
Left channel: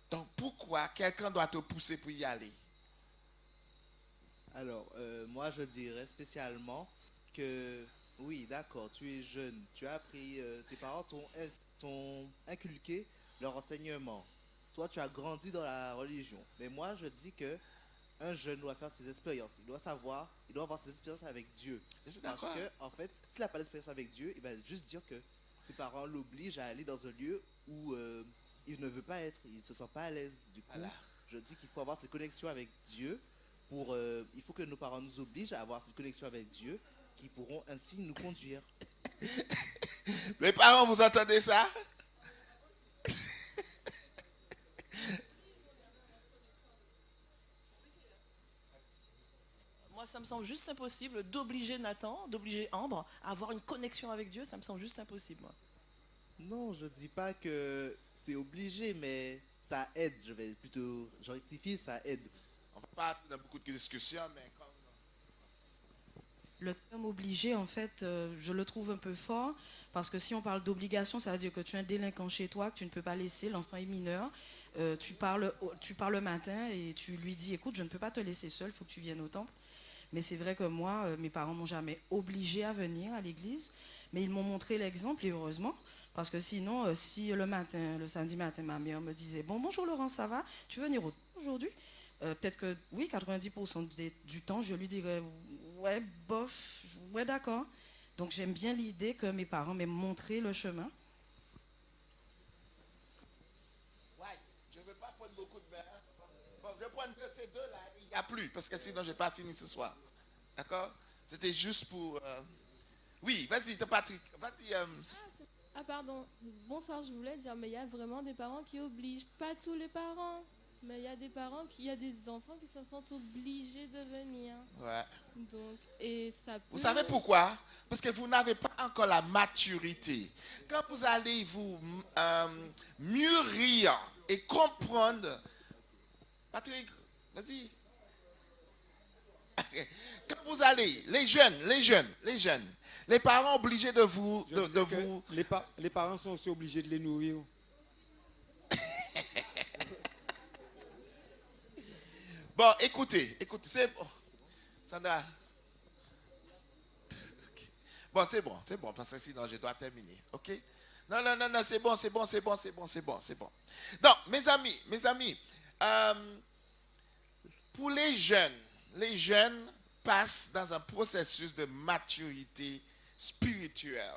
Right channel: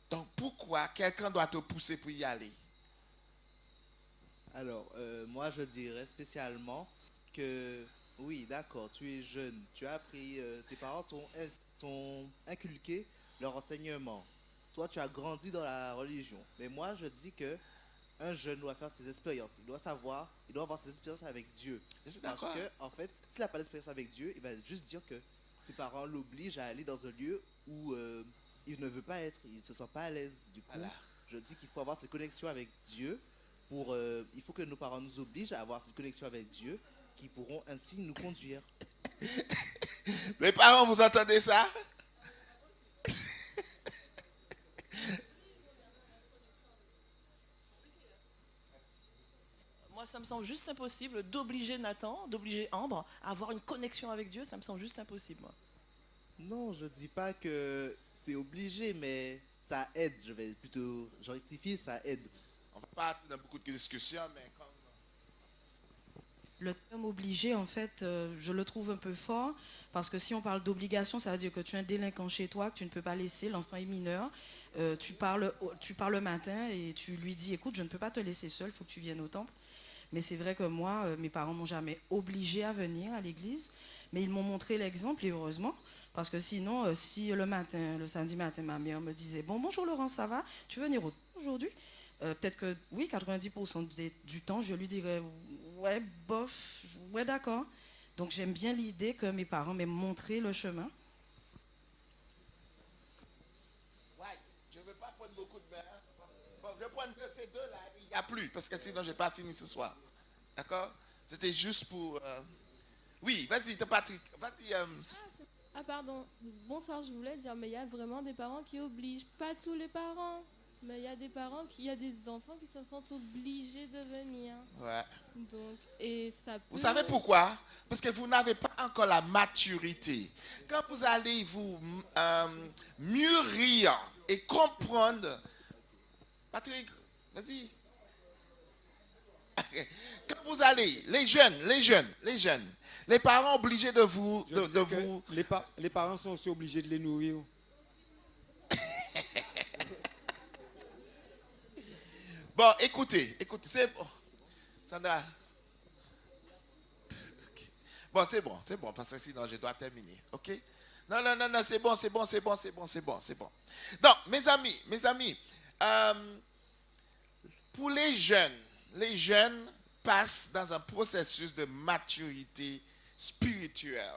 Donc pourquoi quelqu'un doit te pousser pour y aller? Alors, moi, je dirais spécialement que, oui, d'accord, tu es jeune, tu as appris, tes parents t'ont inculqué leur enseignement. Toi, tu as grandi dans la religion. Mais moi, je dis que un jeune doit faire ses expériences. Il doit savoir, il doit avoir ses expériences avec Dieu. Parce que, en fait, s'il n'a pas d'expérience avec Dieu, il va juste dire que ses parents l'obligent à aller dans un lieu où il ne veut pas être, il ne se sent pas à l'aise. Du coup, je dis qu'il faut avoir cette connexion avec Dieu. Il faut que nos parents nous obligent à avoir cette connexion avec Dieu qui pourront ainsi nous conduire. Les parents, vous entendez ça? Moi, ça me semble juste impossible d'obliger Nathan, d'obliger Ambre à avoir une connexion avec Dieu. Ça me semble juste impossible, moi. Non, je dis pas que c'est obligé, mais ça aide. Je vais plutôt rectifier, ça aide. On va pas dans beaucoup de discussions, mais quand... Le terme obligé, en fait, je le trouve un peu fort, parce que si on parle d'obligation, ça veut dire que tu as un délinquant chez toi, que tu ne peux pas laisser, l'enfant est mineur, tu parles le matin et tu lui dis, écoute, je ne peux pas te laisser seul, il faut que tu viennes au temple. Mais c'est vrai que moi, mes parents m'ont jamais obligé à venir à l'église, mais ils m'ont montré l'exemple, et heureusement, parce que sinon, si le samedi matin, ma mère me disait, bonjour Laurent, ça va? Tu veux venir au temple aujourd'hui? Peut-être que oui, 90% du temps, je lui dirais ouais, bof, ouais, d'accord. Donc j'aime bien l'idée que mes parents m'aient montré le chemin. Ouais, je ne veux pas prendre beaucoup de bain. Bon, je vais prendre ces deux-là, il n'y a plus, parce que sinon je n'ai pas fini ce soir. D'accord? C'était juste pour... Oui, vas-y, Patrick, vas-y. Ah pardon, bonsoir, je voulais dire, mais il y a vraiment des parents qui obligent, pas tous les parents. Mais il y a des parents, il y a des enfants qui se sentent obligés de venir. Ouais. Donc, et ça peut... Vous savez pourquoi? Parce que vous n'avez pas encore la maturité. Quand vous allez vous mûrir et comprendre... Patrick, vas-y. Quand vous allez, les jeunes, les parents obligés de vous... Je sais que les parents sont aussi obligés de les nourrir. Bon, écoutez, c'est bon. Sandra. Bon, c'est bon, parce que sinon je dois terminer, ok? Non, c'est bon. Donc, mes amis, pour les jeunes passent dans un processus de maturité spirituelle.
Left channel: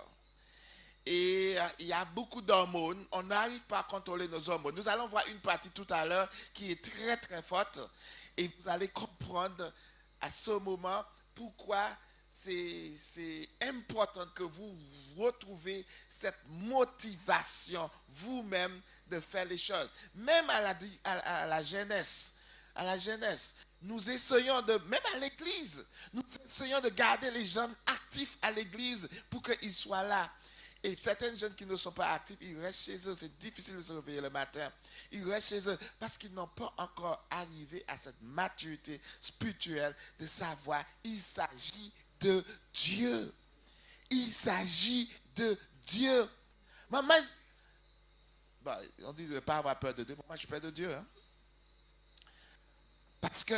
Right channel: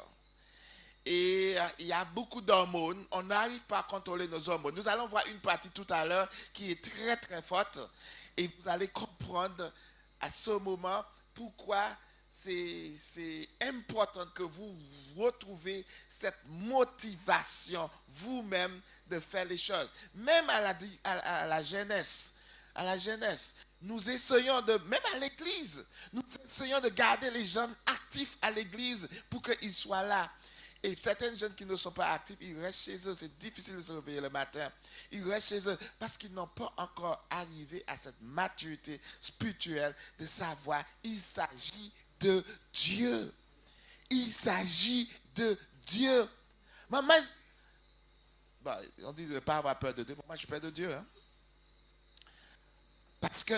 Et il y a beaucoup d'hormones. On n'arrive pas à contrôler nos hormones. Nous allons voir une partie tout à l'heure qui est très très forte. Et vous allez comprendre à ce moment pourquoi c'est important que vous retrouvez cette motivation vous-même de faire les choses. Même à la jeunesse, nous essayons même à l'église, nous essayons de garder les jeunes actifs à l'église pour qu'ils soient là. Et certains jeunes qui ne sont pas actifs, ils restent chez eux. C'est difficile de se réveiller le matin. Ils restent chez eux parce qu'ils n'ont pas encore arrivé à cette maturité spirituelle de savoir il s'agit de Dieu. Il s'agit de Dieu. Maman, on dit de ne pas avoir peur de Dieu. Moi, je suis peur de Dieu. Hein? Parce que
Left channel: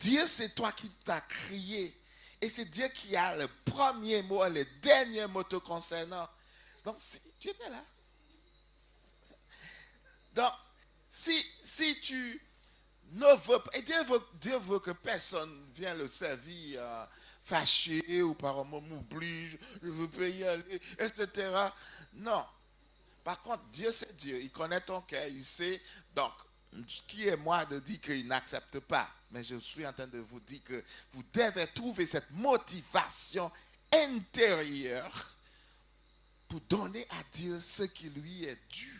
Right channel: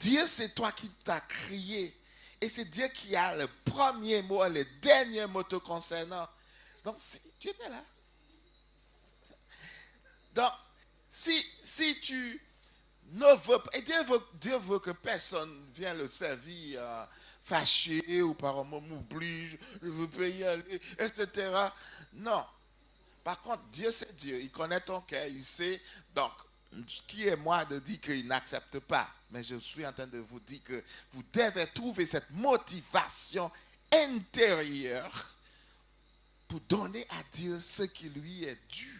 Dieu, c'est toi qui t'as créé. Et c'est Dieu qui a le premier mot, le dernier mot te concernant. Donc, Dieu est là. Donc, si tu ne veux pas, et Dieu veut que personne vienne le servir fâché ou par un mot m'oblige, je veux payer à lui, etc. Non. Par contre, Dieu c'est Dieu. Il connaît ton cœur, il sait. Donc, qui est moi de dire qu'il n'accepte pas? Mais je suis en train de vous dire que vous devez trouver cette motivation intérieure pour donner à Dieu ce qui lui est dû.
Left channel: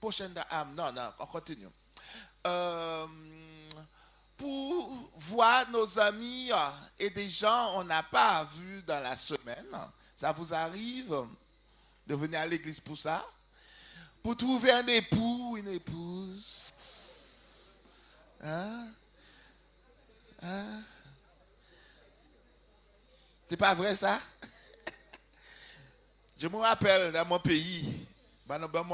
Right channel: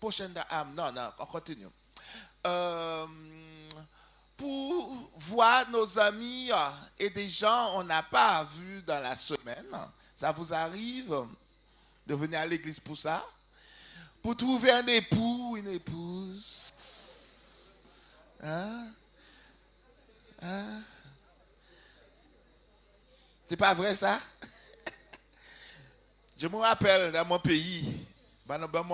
Prochaine non, on continue. Pour voir nos amis et des gens on n'a pas vu dans la semaine, ça vous arrive de venir à l'église pour ça? Pour trouver un époux, une épouse. Hein? C'est pas vrai ça? Je me rappelle dans mon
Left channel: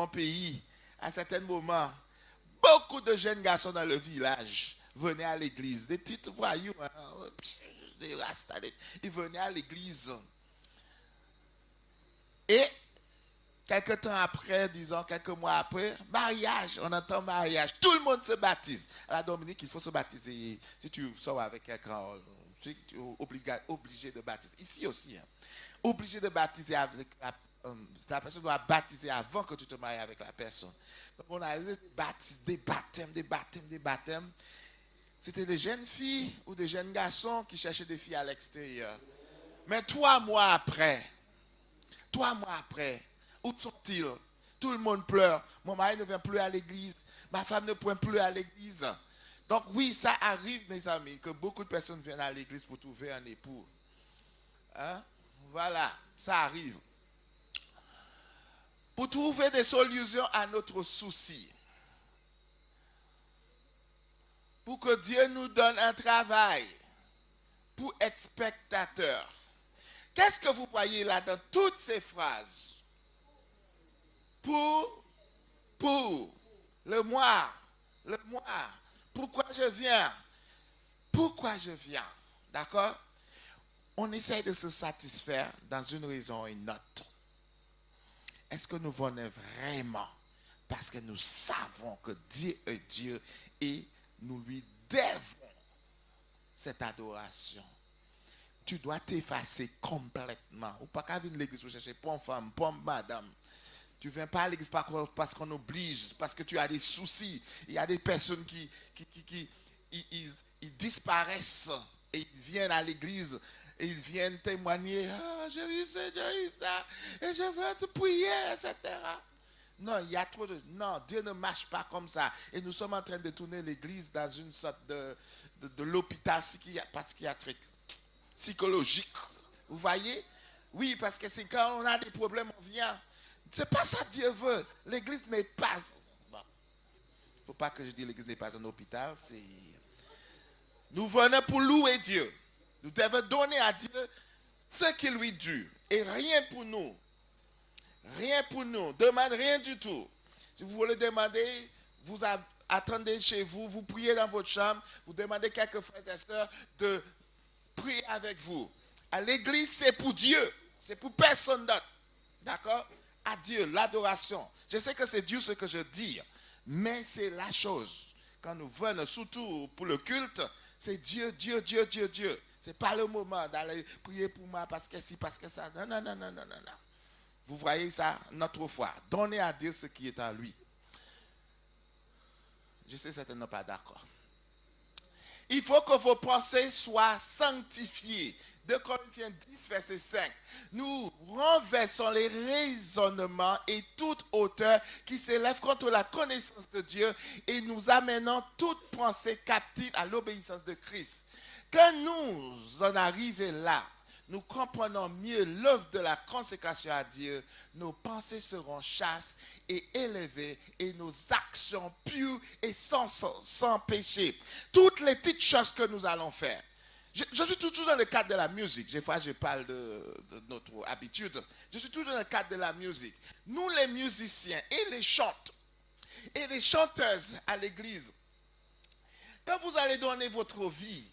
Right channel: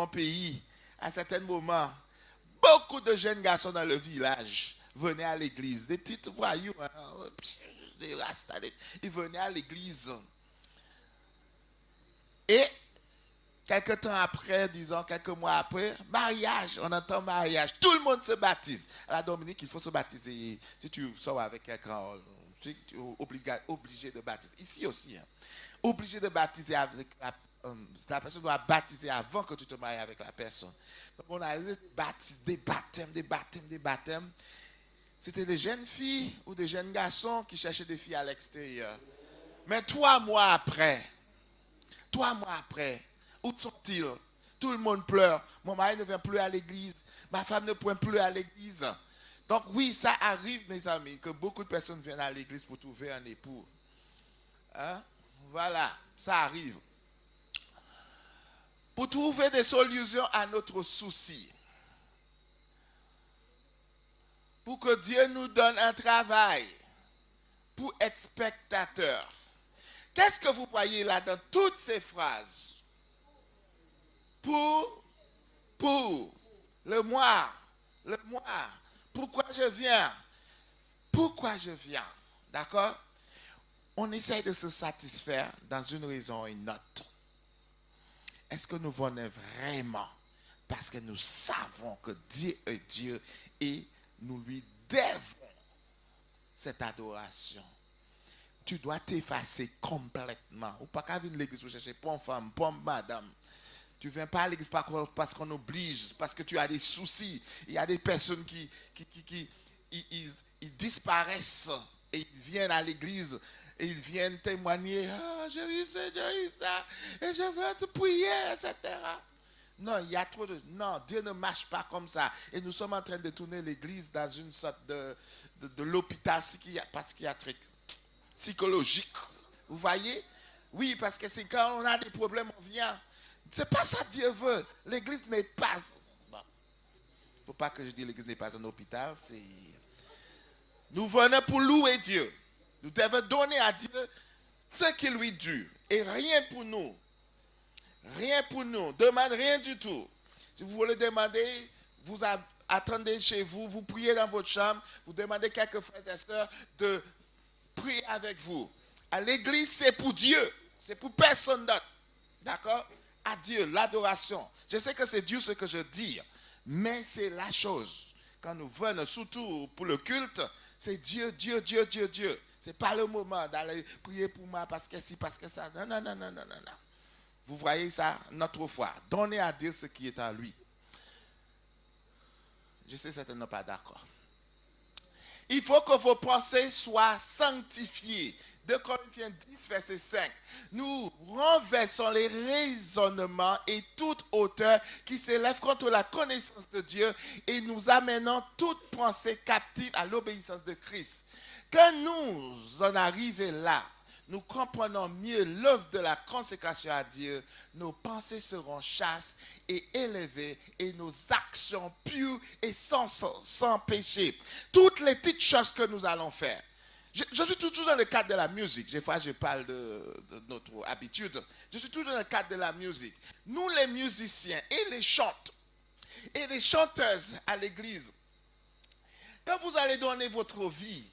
pays, à certains moments, beaucoup de jeunes garçons dans le village venaient à l'église. Des petites voyous, hein, ils venaient à l'église. Et quelques temps après, disons quelques mois après, mariage, on entend mariage. Tout le monde se baptise. À la Dominique, il faut se baptiser. Si tu sors avec quelqu'un, tu es obligé de baptiser. Ici aussi, hein. Obligé de baptiser avec la personne doit baptiser avant que tu te maries avec la personne. Donc on a des baptêmes. C'était des jeunes filles ou des jeunes garçons qui cherchaient des filles à l'extérieur. Mais 3 mois après, où sont-ils? Tout le monde pleure. Mon mari ne vient plus à l'église. Ma femme ne pointe plus à l'église. Donc oui, ça arrive, mes amis, que beaucoup de personnes viennent à l'église pour trouver un époux. Hein? Voilà, ça arrive. Pour trouver des solutions à notre souci. Pour que Dieu nous donne un travail. Pour être spectateur. Qu'est-ce que vous voyez là dans toutes ces phrases? Pour, le moi. Pourquoi je viens? D'accord? On essaye de se satisfaire dans une raison ou une autre. Est-ce que nous venons vraiment parce que nous savons que Dieu est Dieu et nous lui devons cette adoration? Tu dois t'effacer complètement. Ou pas qu'à venir à l'église pour chercher pomme femme, pomme madame. Tu ne viens pas à l'église parce qu'on oblige, parce que tu as des soucis. Il y a des personnes qui ils disparaissent et ils viennent à l'église et ils viennent témoigner. Ah, j'ai eu ça, et je veux te prier, etc. Non, il y a trop de... Non, Dieu ne marche pas comme ça. Et nous sommes en train de tourner l'église dans une sorte de l'hôpital psychiatrique, psychologique. Vous voyez? Oui, parce que c'est quand on a des problèmes, on vient. C'est pas ça Dieu veut. L'église n'est pas... Bon. Faut pas que je dise l'église n'est pas un hôpital. Nous venons pour louer Dieu. Nous devons donner à Dieu ce qui lui dû. Et rien pour nous. Rien pour nous. Demande rien du tout. Si vous voulez demander, vous attendez chez vous, vous priez dans votre chambre, vous demandez quelques frères et sœurs de prier avec vous. À l'église, c'est pour Dieu. C'est pour personne d'autre. D'accord? À Dieu, l'adoration. Je sais que c'est Dieu ce que je dis, mais c'est la chose. Quand nous venons, surtout pour le culte, c'est Dieu, Dieu, Dieu, Dieu, Dieu. Ce n'est pas le moment d'aller prier pour moi parce que si, parce que ça. Non, non, non, non, non, non, non. Vous voyez ça, notre foi. Donnez à Dieu ce qui est en lui. Je sais certainement pas d'accord. Il faut que vos pensées soient sanctifiées. 2 Corinthiens 10, verset 5. Nous renversons les raisonnements et toute hauteur qui s'élève contre la connaissance de Dieu et nous amenons toute pensée captive à l'obéissance de Christ. Quand nous en arrivons là, nous comprenons mieux l'œuvre de la consécration à Dieu, nos pensées seront chasses et élevées et nos actions pures et sans péché. Toutes les petites choses que nous allons faire. Je suis toujours dans le cadre de la musique. Des fois, je parle de notre habitude. Je suis toujours dans le cadre de la musique. Nous, les musiciens et les chantes et les chanteuses à l'église, quand vous allez donner votre vie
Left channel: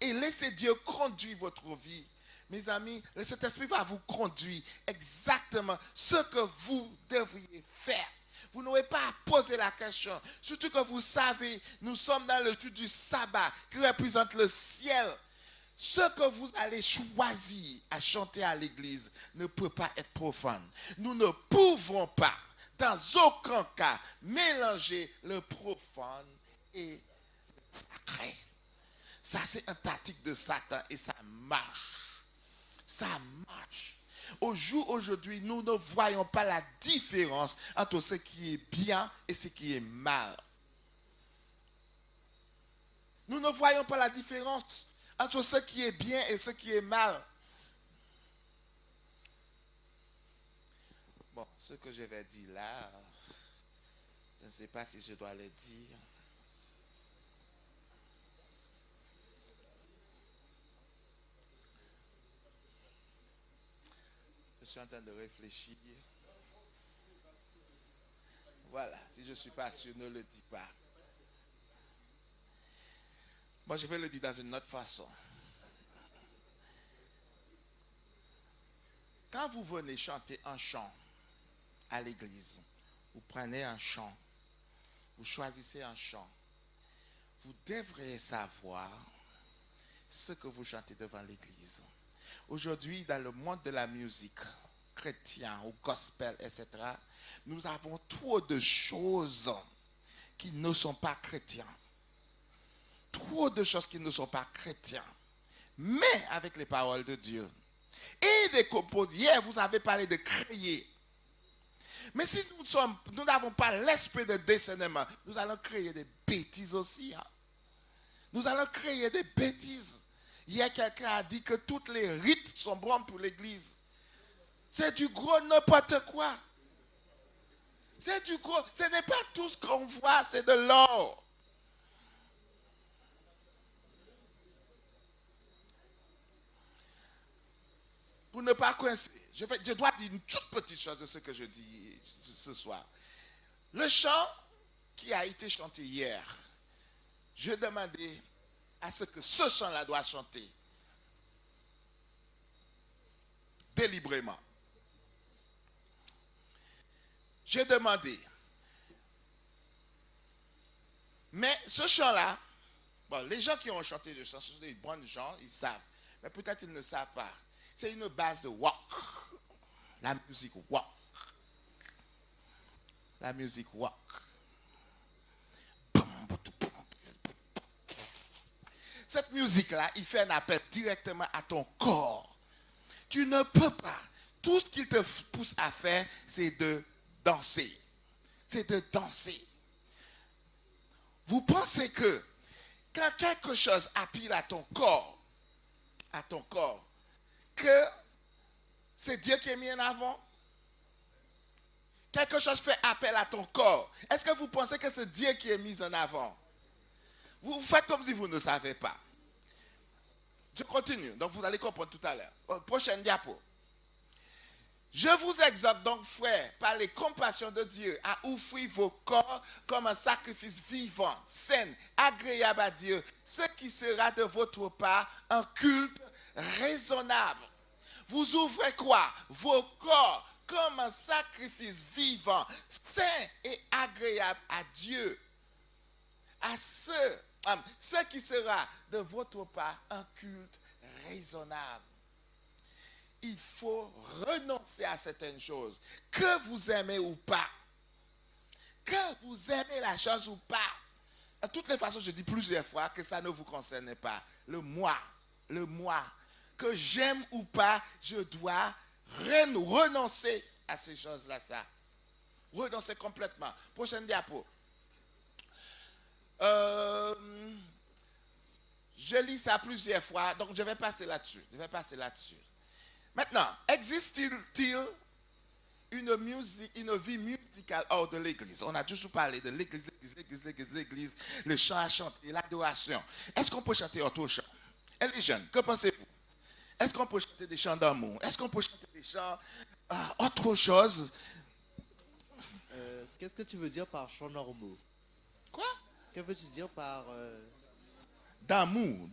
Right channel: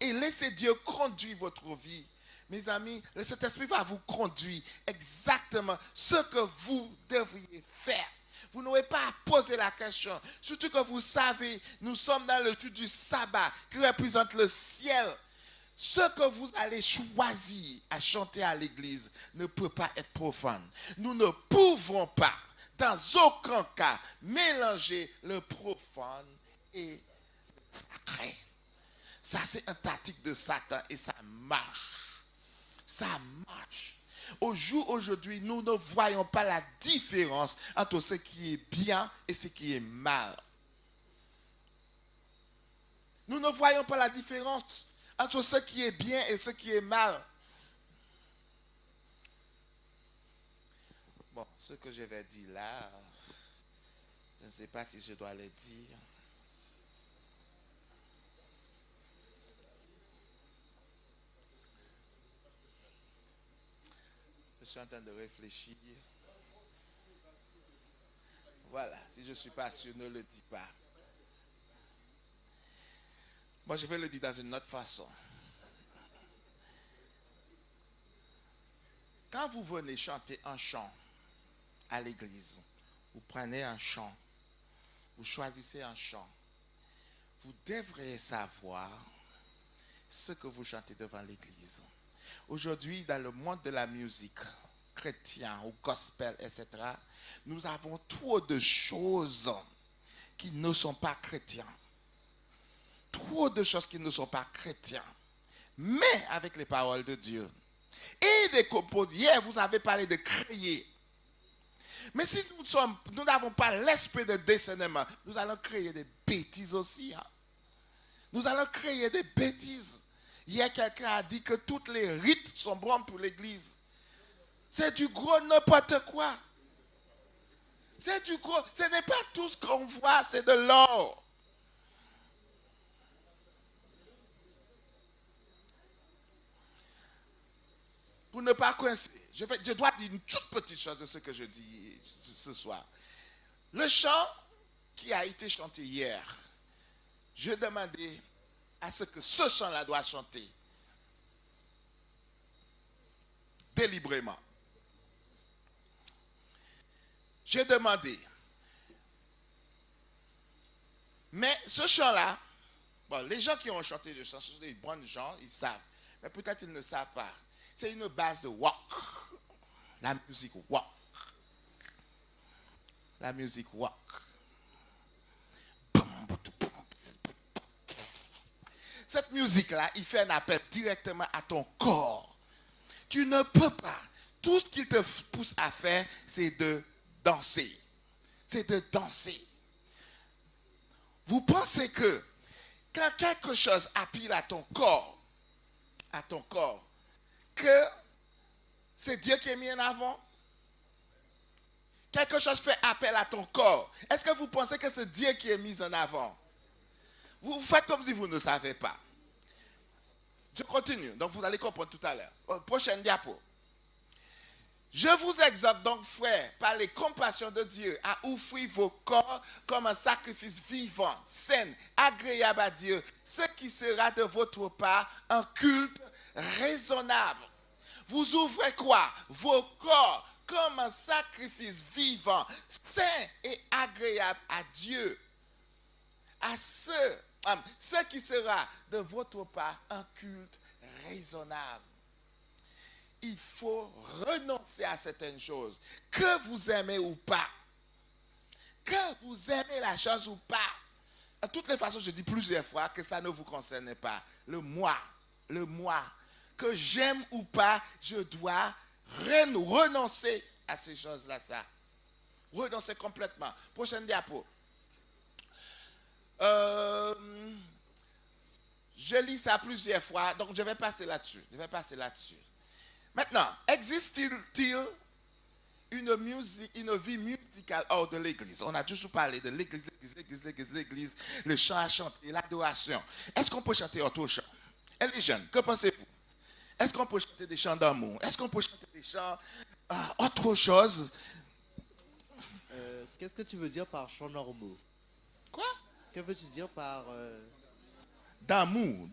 et laissez Dieu conduire votre vie, mes amis, le Saint-Esprit va vous conduire exactement ce que vous devriez faire. Vous n'aurez pas à poser la question. Surtout que vous savez, nous sommes dans le culte du sabbat qui représente le ciel. Ce que vous allez choisir à chanter à l'église ne peut pas être profane. Nous ne pouvons pas, dans aucun cas, mélanger le profane et le sacré. Ça, c'est un tactique de Satan et ça marche. Ça marche. Aujourd'hui, nous ne voyons pas la différence entre ce qui est bien et ce qui est mal. Nous ne voyons pas la différence entre ce qui est bien et ce qui est mal. Bon, ce que je vais dire là, je ne sais pas si je dois le dire. Je suis en train de réfléchir. Voilà, si je ne suis pas sûr, ne le dis pas. Moi, je vais le dire dans une autre façon. Quand vous venez chanter un chant à l'église, vous prenez un chant, vous choisissez un chant, vous devriez savoir ce que vous chantez devant l'église. Aujourd'hui, dans le monde de la musique, chrétien ou gospel, etc., nous avons trop de choses qui ne sont pas chrétiens. Trop de choses qui ne sont pas chrétiens. Mais avec les paroles de Dieu. Et des compos. Hier, vous avez parlé de créer. Mais si nous n'avons pas l'esprit de discernement, nous allons créer des bêtises aussi. Hein. Nous allons créer des bêtises. Hier, quelqu'un a dit que toutes les rites sont bons pour l'église. C'est du gros n'importe quoi. C'est du gros. Ce n'est pas tout ce qu'on voit, c'est de l'or. Pour ne pas coincer, je dois dire une toute petite chose de ce que je dis ce soir. Le chant qui a été chanté hier, je demandais à ce que ce chant-là doit chanter délibérément. J'ai demandé. Mais ce chant-là, bon, les gens qui ont chanté le chant, ce sont des bons gens, ils savent. Mais peut-être ils ne savent pas. C'est une base de walk. La musique walk. La musique walk. Cette musique-là, il fait un appel directement à ton corps. Tu ne peux pas. Tout ce qu'il te pousse à faire, c'est de danser. C'est de danser. Vous pensez que quand quelque chose appelle à ton corps, que c'est Dieu qui est mis en avant? Quelque chose fait appel à ton corps. Est-ce que vous pensez que c'est Dieu qui est mis en avant? Vous faites comme si vous ne savez pas. Je continue, donc vous allez comprendre tout à l'heure. Prochaine diapo. Je vous exhorte donc, frères, par les compassions de Dieu, à offrir vos corps comme un sacrifice vivant, sain, agréable à Dieu, ce qui sera de votre part un culte raisonnable. Vous ouvrez quoi? Vos corps comme un sacrifice vivant, sain et agréable à Dieu, à ce qui sera de votre part un culte raisonnable. Il faut renoncer à certaines choses, que vous aimez ou pas. Que vous aimez la chose ou pas. De toutes les façons, je dis plusieurs fois que ça ne vous concerne pas. Le moi, que j'aime ou pas, je dois renoncer à ces choses-là. Ça. Renoncer complètement. Prochaine diapo. Je lis ça plusieurs fois, donc je vais passer là-dessus. Maintenant, existe-t-il une vie musicale hors de l'église? On a toujours parlé de l'église, le chant à chanter, l'adoration. Est-ce qu'on peut chanter autre chant? Et les jeunes, que pensez-vous? Est-ce qu'on peut chanter des chants d'amour? Est-ce qu'on peut chanter des chants autre chose? Qu'est-ce que tu veux dire par chants normaux? Quoi? Que veux-tu dire par... D'amour.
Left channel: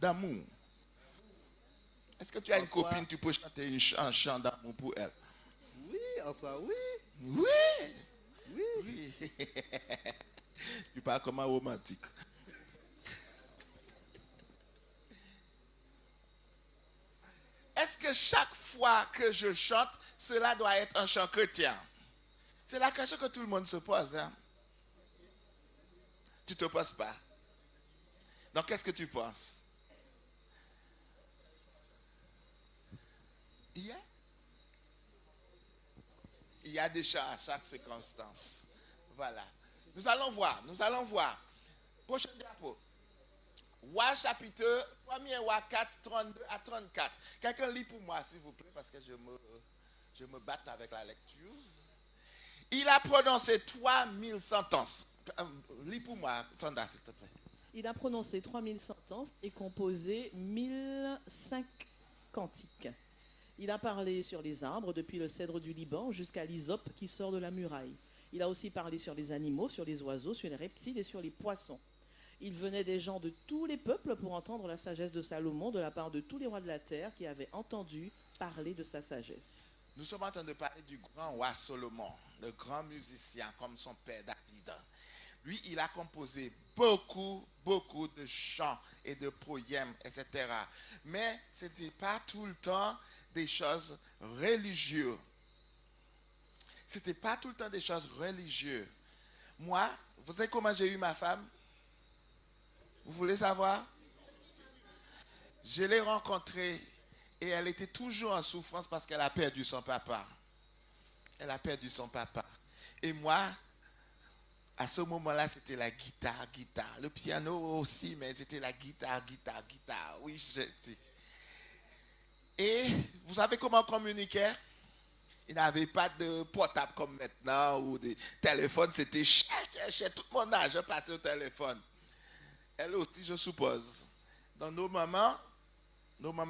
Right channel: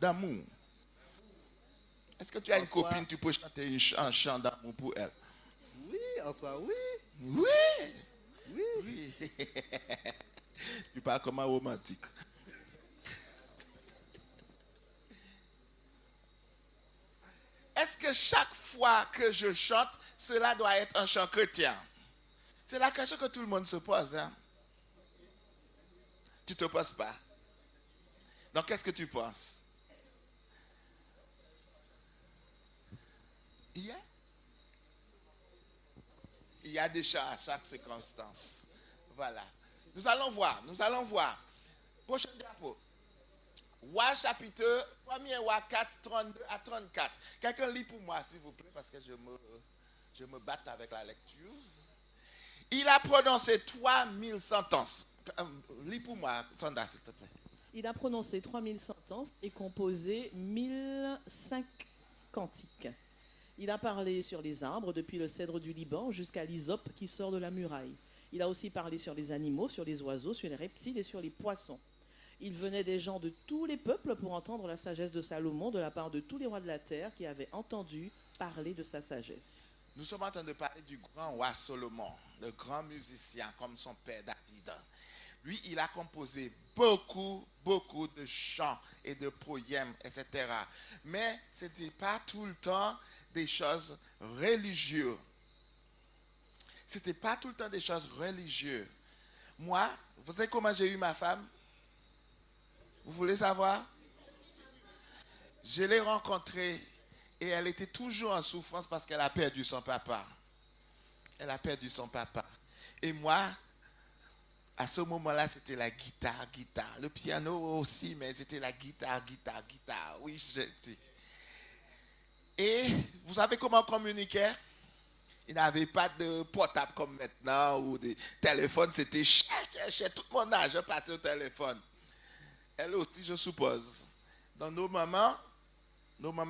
Est-ce que tu as une copine, tu peux chanter un chant d'amour pour elle? Oui, en soi, oui. Oui. Tu parles comme un romantique. Est-ce que chaque fois que je chante, cela doit être un chant chrétien? C'est la question que tout le monde se pose. Hein? Tu ne te poses pas. Donc, qu'est-ce que tu penses? Il y a des chants à chaque circonstance. Voilà. Nous allons voir. Prochaine diapo. Roi chapitre 1er Roi 4, 32 à 34. Quelqu'un lit pour moi, s'il vous plaît, parce que je me batte avec la lecture. Il a prononcé 3000 sentences. Lis pour moi, Sandra, s'il te plaît. Il a prononcé 3000 sentences et composé 1005 cantiques. Il a parlé sur les arbres, depuis le cèdre du Liban jusqu'à l'hysope qui sort de la muraille. Il a aussi parlé sur les animaux, sur les oiseaux, sur les reptiles et sur les poissons. Il venait des gens de tous les peuples pour entendre la sagesse de Salomon de la part de tous les rois de la terre qui avaient entendu parler de sa sagesse. Nous sommes en train de parler du grand roi Salomon, le grand musicien comme son père David. Lui, il a composé beaucoup de chants et de poèmes, etc. Mais ce n'était pas tout le temps des choses religieuses. Moi, vous savez comment j'ai eu ma femme? Vous voulez savoir? Je l'ai rencontrée et elle était toujours en souffrance parce qu'elle a perdu son papa. Et moi, à ce moment-là, c'était la guitare. Le piano aussi, mais c'était la guitare. Oui, je dis. Et vous savez comment on communiquait? Il n'avait pas de portable comme maintenant, ou des téléphones, c'était cher. Tout mon âge passé au téléphone. Elle aussi, je suppose. Donc nos mamans,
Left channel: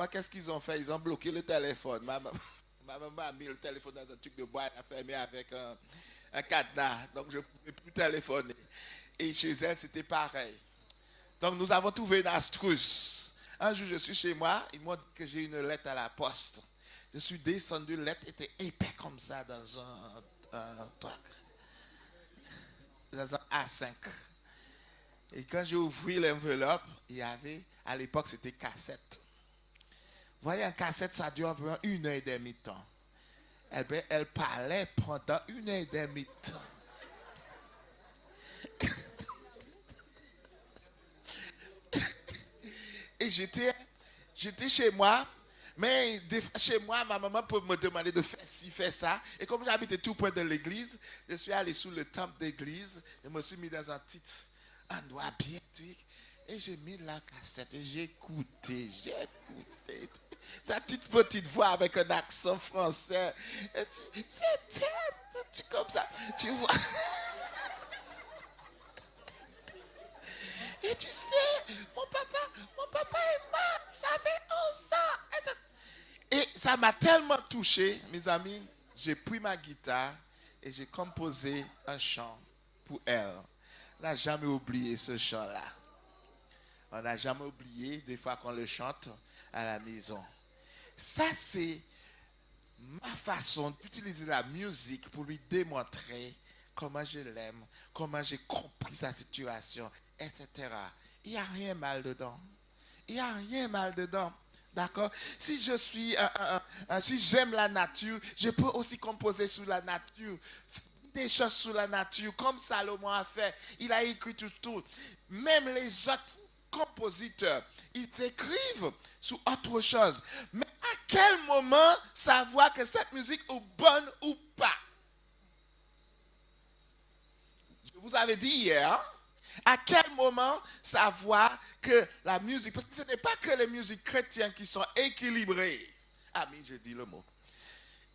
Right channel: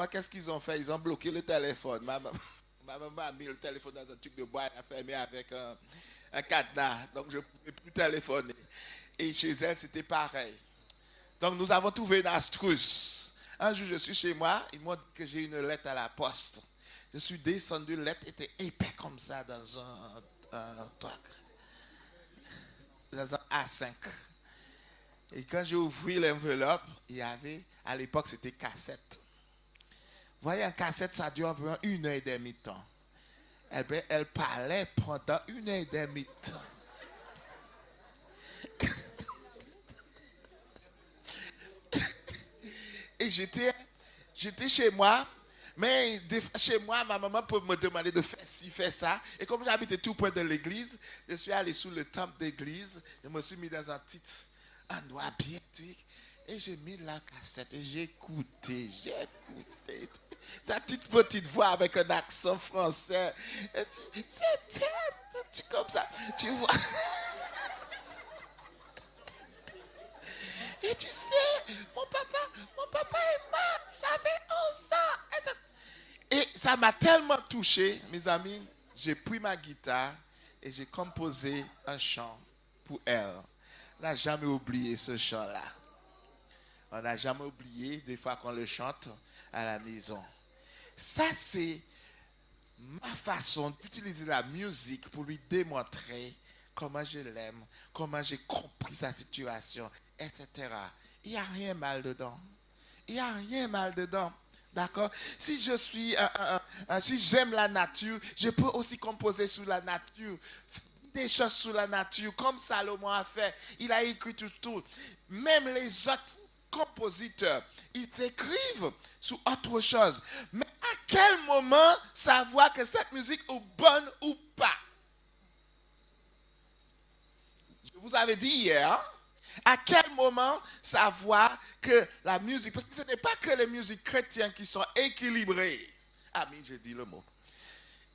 qu'est-ce qu'ils ont fait? Ils ont bloqué le téléphone. Ma maman a mis le téléphone dans un truc de bois, elle a fermé avec un cadenas. Donc je ne pouvais plus téléphoner. Et chez elle, c'était pareil. Donc nous avons trouvé une astuce. Un jour, je suis chez moi, ils m'ont dit que j'ai une lettre à la poste. Je suis descendu, la lettre était épais comme ça dans un A5. Et quand j'ai ouvert l'enveloppe, il y avait, à l'époque, c'était cassette. Vous voyez, un cassette, ça dure environ 1h30 de temps. Eh bien, elle parlait pendant 1h30 de temps. Et j'étais chez moi, mais chez moi, ma maman peut me demander de faire ci, faire ça. Et comme j'habitais tout près de l'église, je suis allé sous le temple d'église, je me suis mis dans un petit endroit bien, et j'ai mis la cassette et j'ai écouté. Sa petite voix avec un accent français. Et tu comme ça, tu vois. Et tu sais, mon papa est mort, j'avais 11 ans. Et ça m'a tellement touché, mes amis, j'ai pris ma guitare et j'ai composé un chant pour elle. On n'a jamais oublié ce chant-là. On n'a jamais oublié des fois qu'on le chante à la maison. Ça, c'est ma façon d'utiliser la musique pour lui démontrer comment je l'aime, comment j'ai compris sa situation, etc. Il n'y a rien mal dedans. Il n'y a rien mal dedans. D'accord? Si je suis, si j'aime la nature, je peux aussi composer sur la nature. Des choses sur la nature, comme Salomon a fait. Il a écrit tout. Même les autres compositeurs, ils écrivent sur autre chose. Mais à quel moment savoir que cette musique est bonne ou pas? Je vous avais dit hier, à quel moment savoir que la musique, parce que ce n'est pas que les musiques chrétiennes qui sont équilibrées. Ah mais je dis le mot.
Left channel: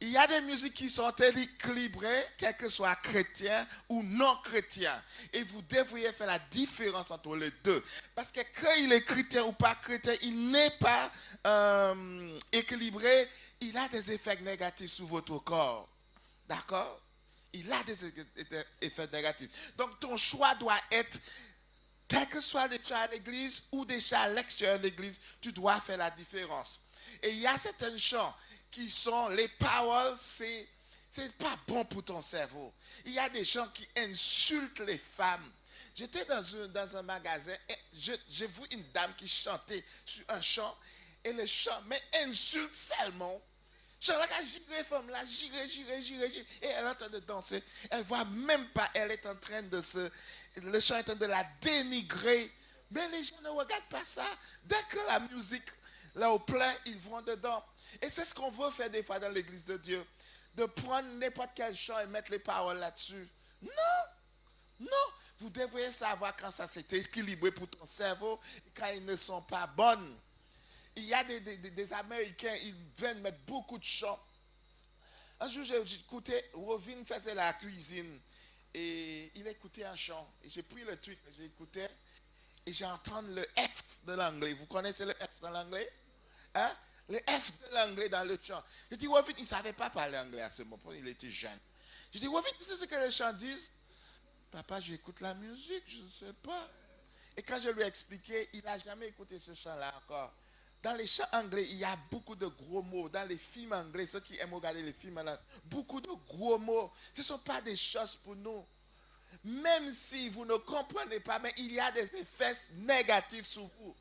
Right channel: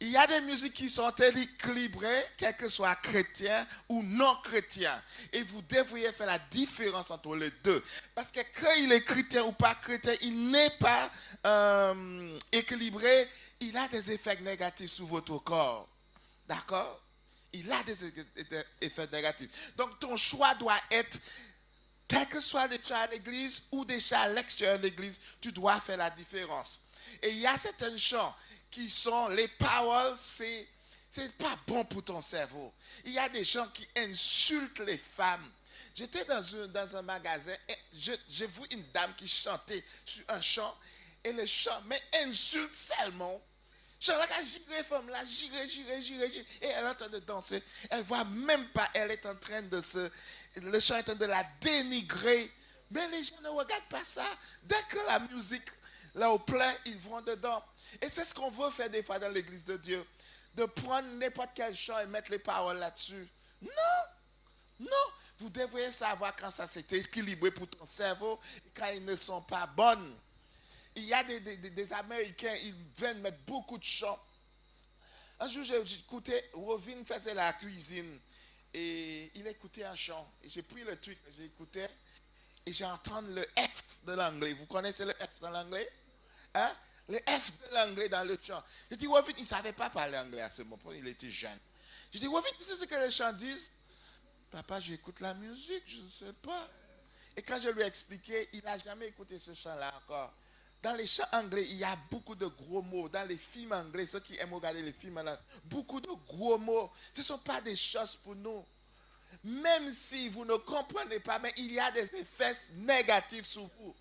Il y a des musiques qui sont équilibrées, quel que soit chrétien ou non chrétien. Et vous devriez faire la différence entre les deux. Parce que quand il est chrétien ou pas chrétien, il n'est pas équilibré. Il a des effets négatifs sur votre corps. D'accord? Il a des effets négatifs. Donc ton choix doit être, quel que soit des chants à l'église ou des chants à l'extérieur de l'église, tu dois faire la différence. Et il y a certains chants qui sont, les paroles, c'est pas bon pour ton cerveau. Il y a des gens qui insultent les femmes. J'étais dans un magasin et j'ai vu une dame qui chantait sur un chant et le chant, mais insulte seulement. Je regarde les femmes là, girer, et elle est en train de danser. Elle ne voit même pas, elle est en train de le chant est en train de la dénigrer. Mais les gens ne regardent pas ça. Dès que la musique, là au plein, ils vont dedans. Et c'est ce qu'on veut faire des fois dans l'église de Dieu. De prendre n'importe quel chant et mettre les paroles là-dessus. Non. Vous devriez savoir quand ça s'est équilibré pour ton cerveau et quand ils ne sont pas bonnes. Il y a des Américains, ils viennent mettre beaucoup de chants. Un jour, j'ai écouté, Rovin faisait la cuisine et il écoutait un chant. Et j'ai pris le truc, j'ai écouté et j'ai entendu le F de l'anglais. Vous connaissez le F de l'anglais? Hein? Le F de l'anglais dans le chant. J'ai dit, Rovin, il ne savait pas parler anglais à ce moment, il était jeune. J'ai dit, Rovin, tu sais ce que le chant dit? Papa, j'écoute la musique, je ne sais pas. Et quand je lui ai expliqué, il n'a jamais écouté ce chant-là encore. Dans les chants anglais, il y a beaucoup de gros mots. Dans les films anglais, ceux qui aiment regarder les films là, beaucoup de gros mots. Ce ne sont pas des choses pour nous. Même si vous ne comprenez pas, mais il y a des effets négatifs sur vous.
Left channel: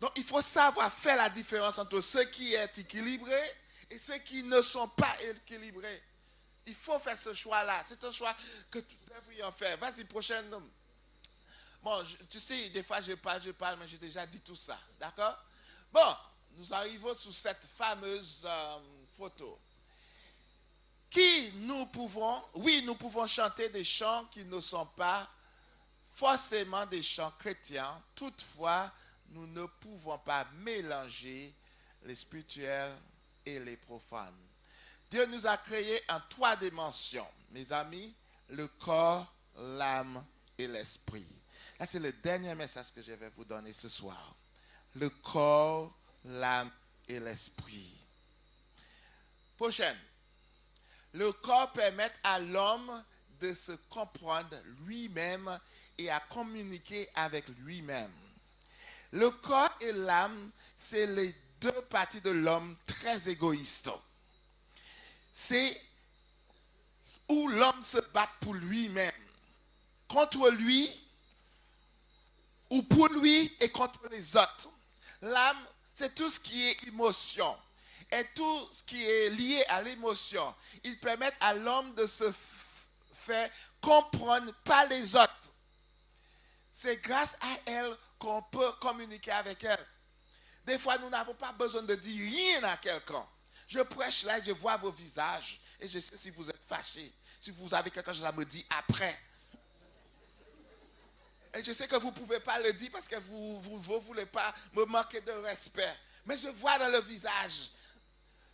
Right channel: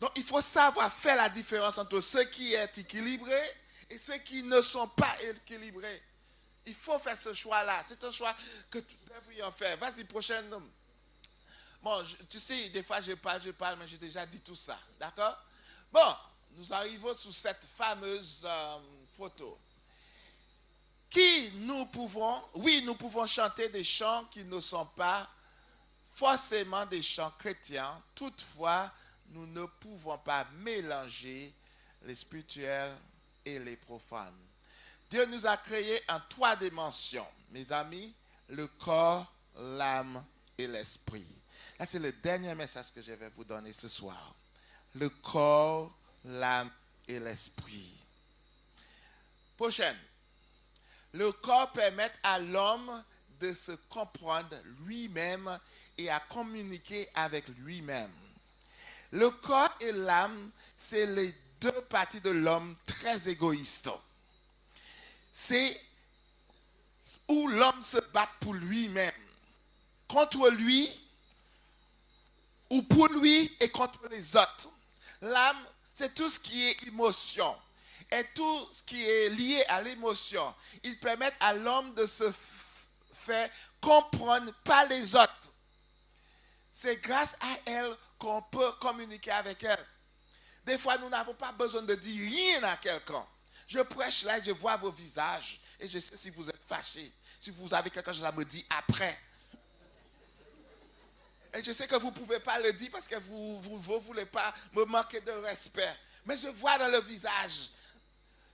Donc, il faut savoir faire la différence entre ce qui est équilibré et ceux qui ne sont pas équilibrés. Il faut faire ce choix-là. C'est un choix que tu devrais en faire. Vas-y, prochaine. Bon, tu sais, des fois je parle, mais j'ai déjà dit tout ça. D'accord? Bon, nous arrivons sur cette fameuse photo. Nous pouvons chanter des chants qui ne sont pas forcément des chants chrétiens. Toutefois, nous ne pouvons pas mélanger les spirituels et les profanes. Dieu nous a créés en 3 dimensions, mes amis, le corps, l'âme et l'esprit. Là, c'est le dernier message que je vais vous donner ce soir. Le corps, l'âme et l'esprit. Prochaine. Le corps permet à l'homme de se comprendre lui-même et à communiquer avec lui-même. Le corps et l'âme, c'est les 2 parties de l'homme très égoïstes. C'est où l'homme se bat pour lui-même, contre lui, ou pour lui et contre les autres. L'âme, c'est tout ce qui est émotion. Et tout ce qui est lié à l'émotion, ils permettent à l'homme de se faire comprendre par les autres. C'est grâce à elle qu'on peut communiquer avec elle. Des fois, nous n'avons pas besoin de dire rien à quelqu'un. Je prêche là, je vois vos visages et je sais si vous êtes fâchés, si vous avez quelque chose à me dire après. Et je sais que vous ne pouvez pas le dire parce que vous ne voulez pas me manquer de respect. Mais je vois dans le visage.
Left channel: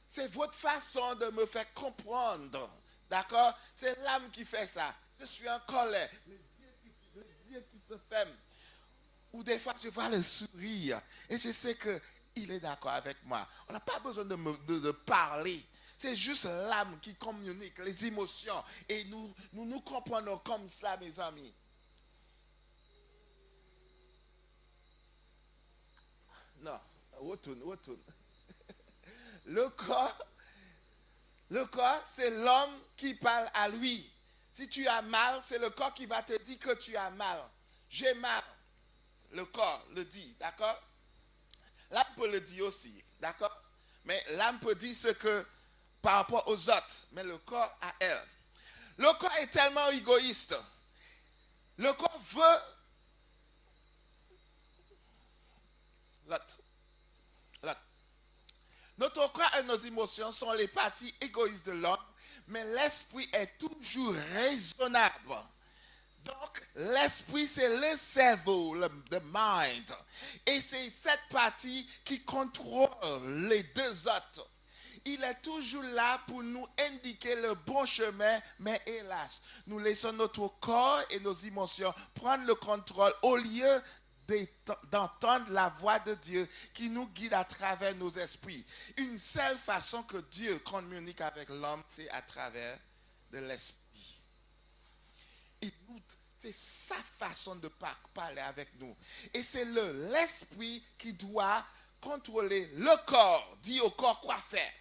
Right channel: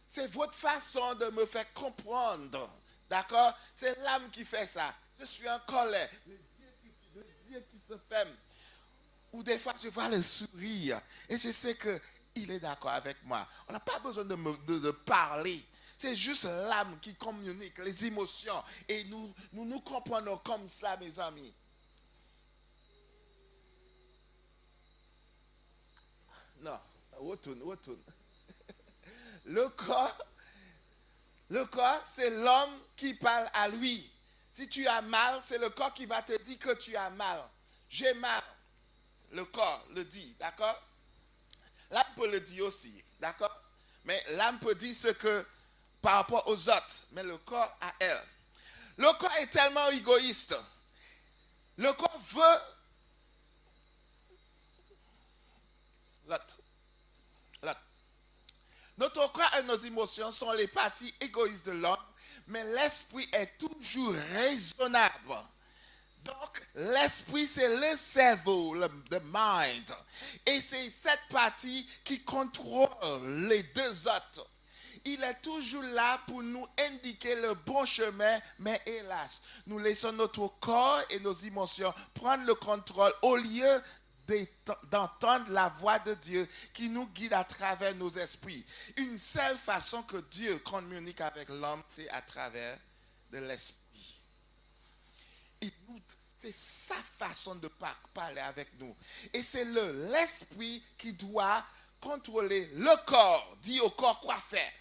C'est votre façon de me faire comprendre. D'accord? C'est l'âme qui fait ça. Je suis en colère. Les yeux qui se ferment. Ou des fois, je vois le sourire et je sais qu'il est d'accord avec moi. On n'a pas besoin de parler. C'est juste l'âme qui communique, les émotions. Et nous comprenons comme cela, mes amis. Non, retourne. Le corps, c'est l'homme qui parle à lui. Si tu as mal, c'est le corps qui va te dire que tu as mal. J'ai mal. Le corps le dit, d'accord? L'âme peut le dire aussi, d'accord? Mais l'âme peut dire ce que par rapport aux autres, mais le corps à elle. Le corps est tellement égoïste. Le corps veut l'autre. Notre corps et nos émotions sont les parties égoïstes de l'homme, mais l'esprit est toujours raisonnable. Donc, l'esprit, c'est le cerveau, le mind. Et c'est cette partie qui contrôle les deux autres. Il est toujours là pour nous indiquer le bon chemin, mais hélas, nous laissons notre corps et nos émotions prendre le contrôle au lieu d'entendre la voix de Dieu qui nous guide à travers nos esprits. Une seule façon que Dieu communique avec l'homme, c'est à travers de l'esprit. C'est sa façon de parler avec nous. Et c'est l'esprit qui doit contrôler le corps, dire au corps quoi faire.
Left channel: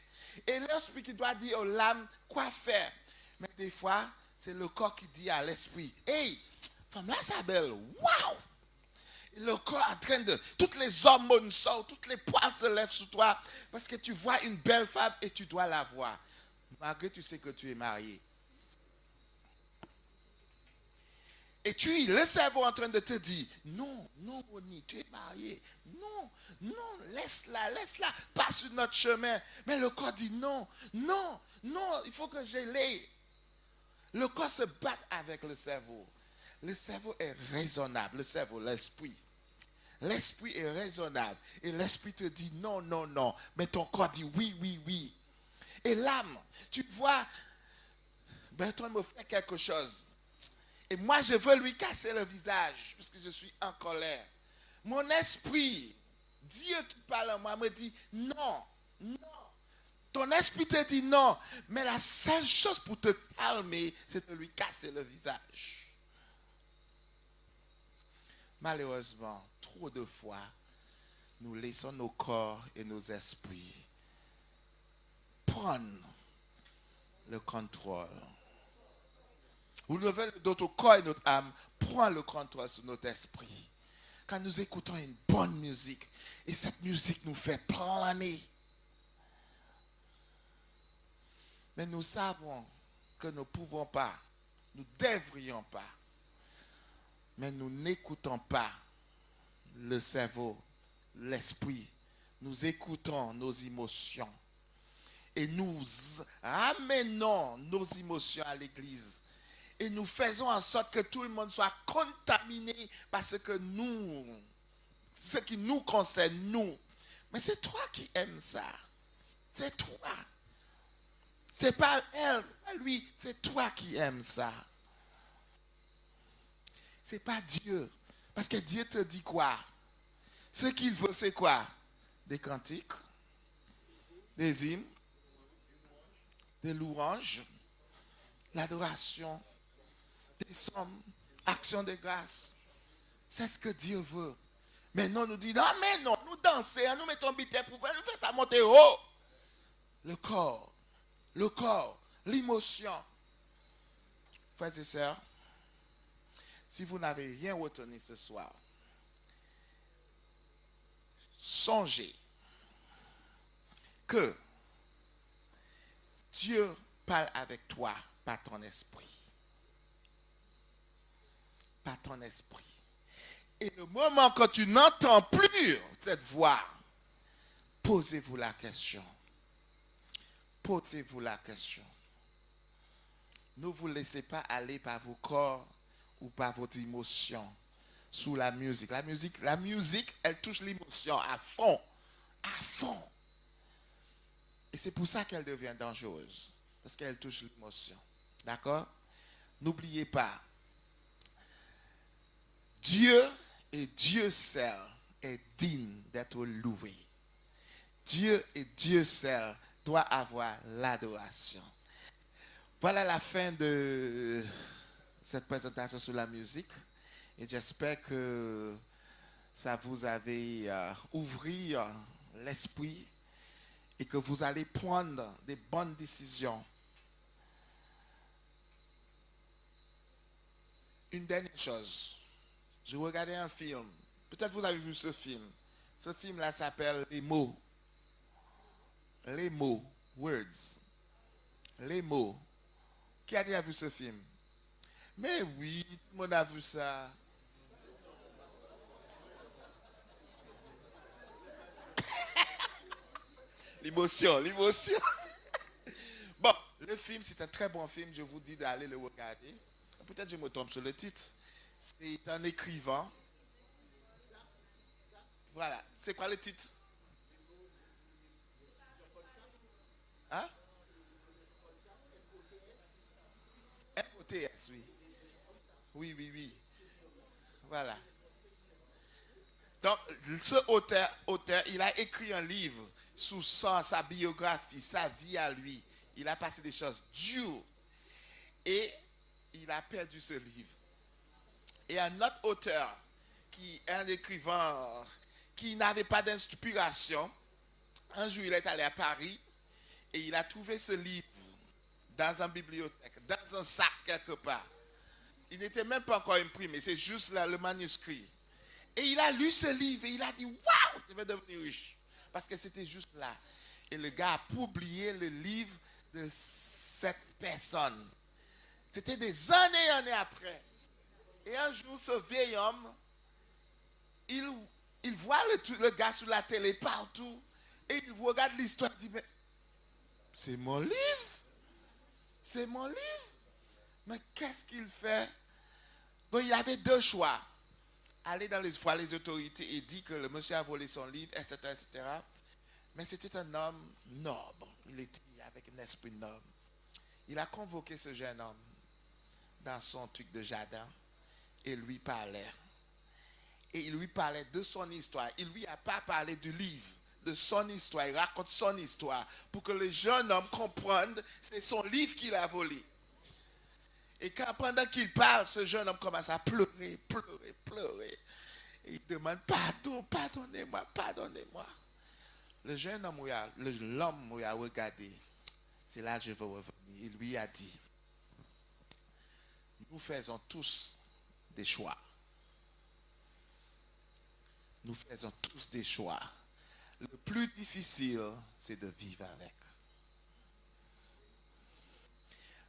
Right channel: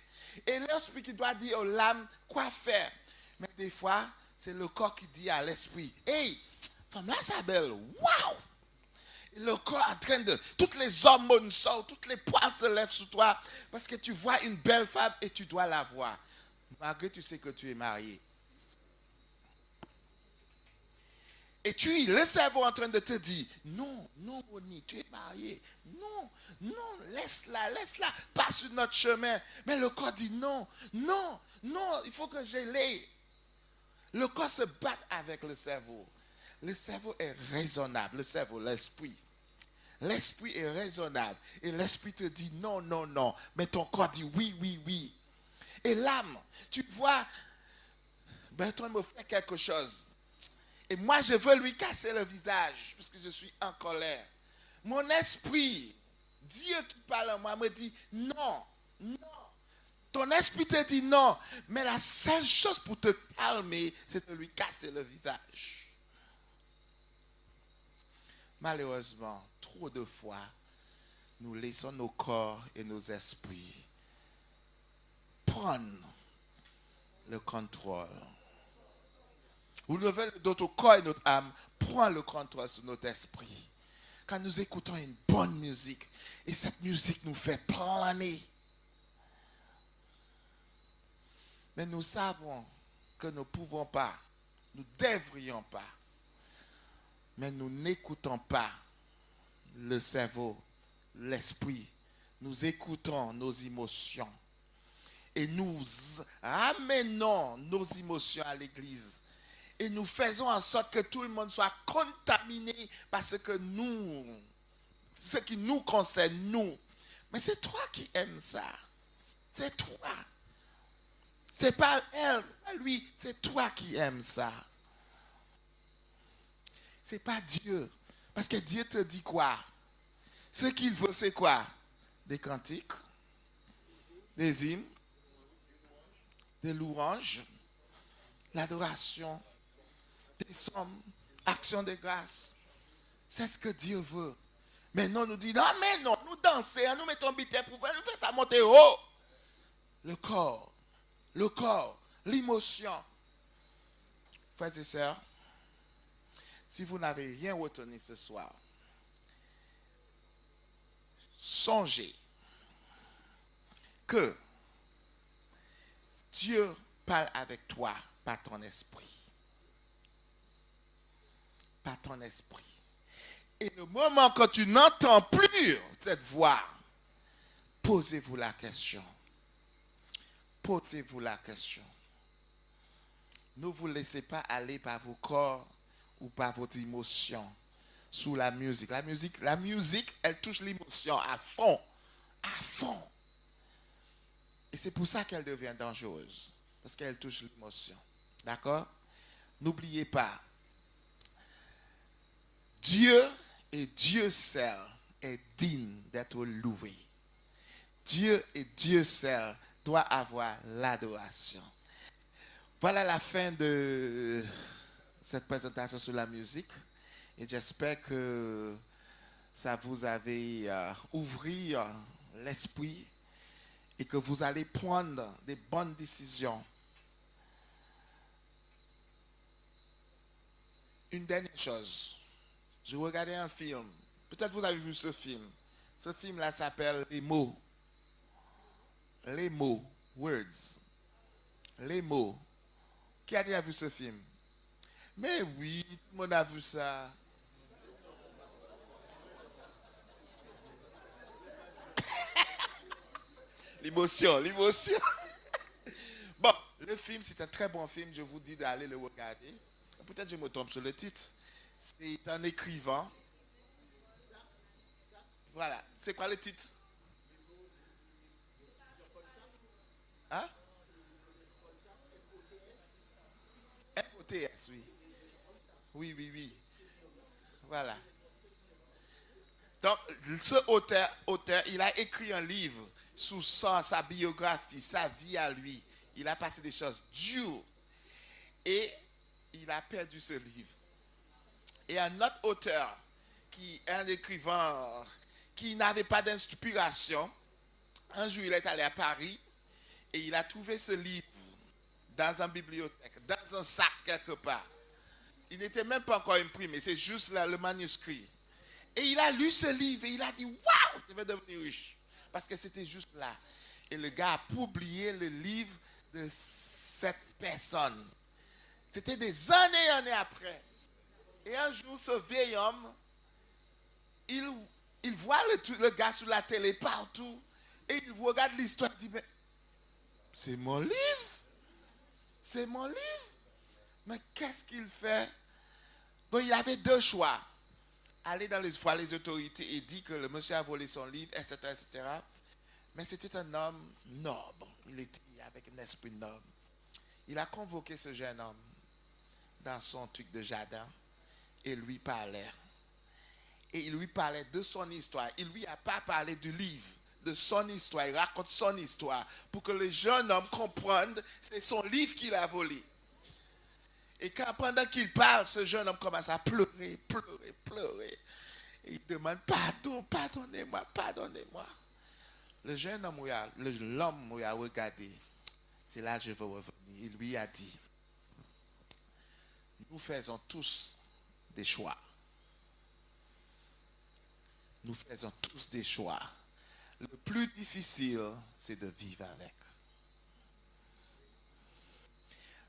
Et l'esprit qui doit dire aux l'âme quoi faire. Mais des fois, c'est le corps qui dit à l'esprit, hey, femme là, c'est belle, waouh! Le corps en train de, toutes les hormones sortent, toutes les poils se lèvent sur toi, parce que tu vois une belle femme et tu dois la voir. Malgré tu sais que tu es marié. Et le cerveau en train de te dire, non, Bonnie, tu es marié. Non, laisse-la, passe sur notre chemin. Mais le corps dit non, il faut que je l'aie. Le corps se bat avec le cerveau. Le cerveau est raisonnable, l'esprit. L'esprit est raisonnable. Et l'esprit te dit non. Mais ton corps dit oui. Et l'âme, tu vois, Bertrand me fait quelque chose. Et moi, je veux lui casser le visage, parce que je suis en colère. Mon esprit, Dieu qui parle à moi, me dit non. Ton esprit te dit non. Mais la seule chose pour te calmer, c'est de lui casser le visage. Malheureusement, trop de fois, nous laissons nos corps et nos esprits prendre le contrôle. Ou notre corps et notre âme prend le contrôle sur notre esprit. Quand nous écoutons une bonne musique, et cette musique nous fait planer. Mais nous savons que nous ne pouvons pas, nous ne devrions pas. Mais nous n'écoutons pas le cerveau, l'esprit. Nous écoutons nos émotions. Et nous ramenons nos émotions à l'église. Et nous faisons en sorte que tout le monde soit contaminé par ce qui nous concerne, nous. Mais c'est toi qui aimes ça. C'est toi. C'est pas elle, pas lui. C'est toi qui aimes ça. C'est pas Dieu. Parce que Dieu te dit quoi? Ce qu'il veut, c'est quoi? Des cantiques, des hymnes, des louanges, l'adoration, des sommes, actions de grâce. C'est ce que Dieu veut. Mais non, nous dit, non, mais non, nous dansons, nous mettons bité pour faire, nous faisons ça monter haut. Le corps, l'émotion. Frères et sœurs, si vous n'avez rien retenu ce soir, songez que Dieu parle avec toi par ton esprit. Par ton esprit. Et le moment que tu n'entends plus cette voix, posez-vous la question. Posez-vous la question. Ne vous laissez pas aller par vos corps ou par vos émotions sous la musique. La musique, elle touche l'émotion à fond. À fond. Et c'est pour ça qu'elle devient dangereuse. Parce qu'elle touche l'émotion. D'accord? N'oubliez pas. Dieu Et Dieu seul est digne d'être loué. Dieu et Dieu seul doit avoir l'adoration. Voilà la fin de cette présentation sur la musique. Et j'espère que ça vous avait ouvert l'esprit et que vous allez prendre des bonnes décisions. Une dernière chose. Je regardais un film. Peut-être vous avez vu ce film. Ce film-là s'appelle Les mots. Les mots. Words. Les mots. Qui a déjà vu ce film? Mais oui, tout le monde a vu ça. L'émotion. Bon, le film, c'est un très bon film. Je vous dis d'aller le regarder. Peut-être je me trompe sur le titre. C'est un écrivain. Voilà. C'est quoi le titre? Hein? MOTS, oui. Oui. Voilà. Donc, ce auteur, il a écrit un livre sous sa biographie, sa vie à lui. Il a passé des choses dures. Et il a perdu ce livre. Et un autre auteur, qui est un écrivain qui n'avait pas d'inspiration, un jour il est allé à Paris et il a trouvé ce livre dans une bibliothèque, dans un sac quelque part. Il n'était même pas encore imprimé, c'est juste là le manuscrit. Et il a lu ce livre et il a dit « Waouh, je vais devenir riche !» Parce que c'était juste là. Et le gars a publié le livre de cette personne. C'était des années après. Et un jour, ce vieil homme, il voit le gars sur la télé partout. Et il regarde l'histoire, il dit, mais c'est mon livre. C'est mon livre. Mais qu'est-ce qu'il fait? Donc il avait deux choix. Aller dans les autorités et dire que le monsieur a volé son livre, etc., etc. Mais c'était un homme noble. Il était avec un esprit noble. Il a convoqué ce jeune homme dans son truc de jardin et lui parlait. Et il lui parlait de son histoire. Il ne lui a pas parlé du livre, de son histoire. Il raconte son histoire pour que le jeune homme comprenne que c'est son livre qu'il a volé. Et quand pendant qu'il parle, ce jeune homme commence à pleurer. Et il demande pardon, pardonnez-moi. Le jeune homme, l'homme lui a regardé. C'est là que je veux revenir. Il lui a dit, nous faisons tous des choix. Nous faisons tous des choix. Le plus difficile, c'est de vivre avec.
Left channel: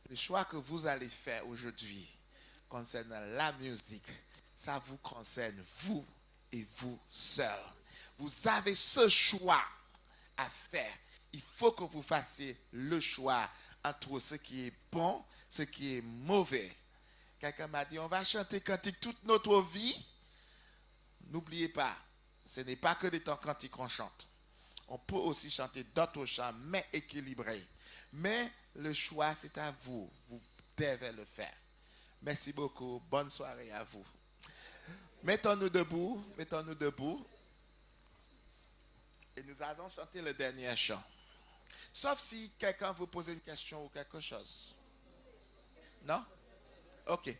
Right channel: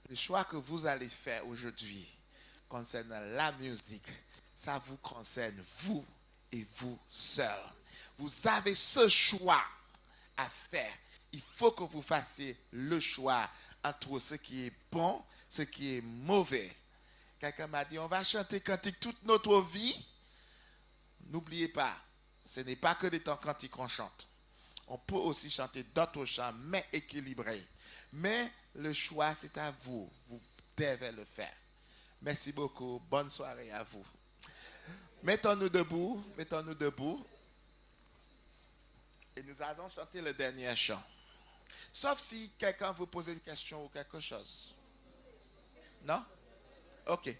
Le choix que vous allez faire aujourd'hui concernant la musique, ça vous concerne vous et vous seul. Vous avez ce choix à faire. Il faut que vous fassiez le choix entre ce qui est bon, ce qui est mauvais. Quelqu'un m'a dit, on va chanter cantique toute notre vie. N'oubliez pas, ce n'est pas que des temps cantiques qu'on chante. On peut aussi chanter d'autres chants, mais équilibrés. Mais le choix, c'est à vous. Vous devez le faire. Merci beaucoup. Bonne soirée à vous. Mettons-nous debout. Et nous allons chanter le dernier chant. Sauf si quelqu'un vous pose une question ou quelque chose. Non? Ok.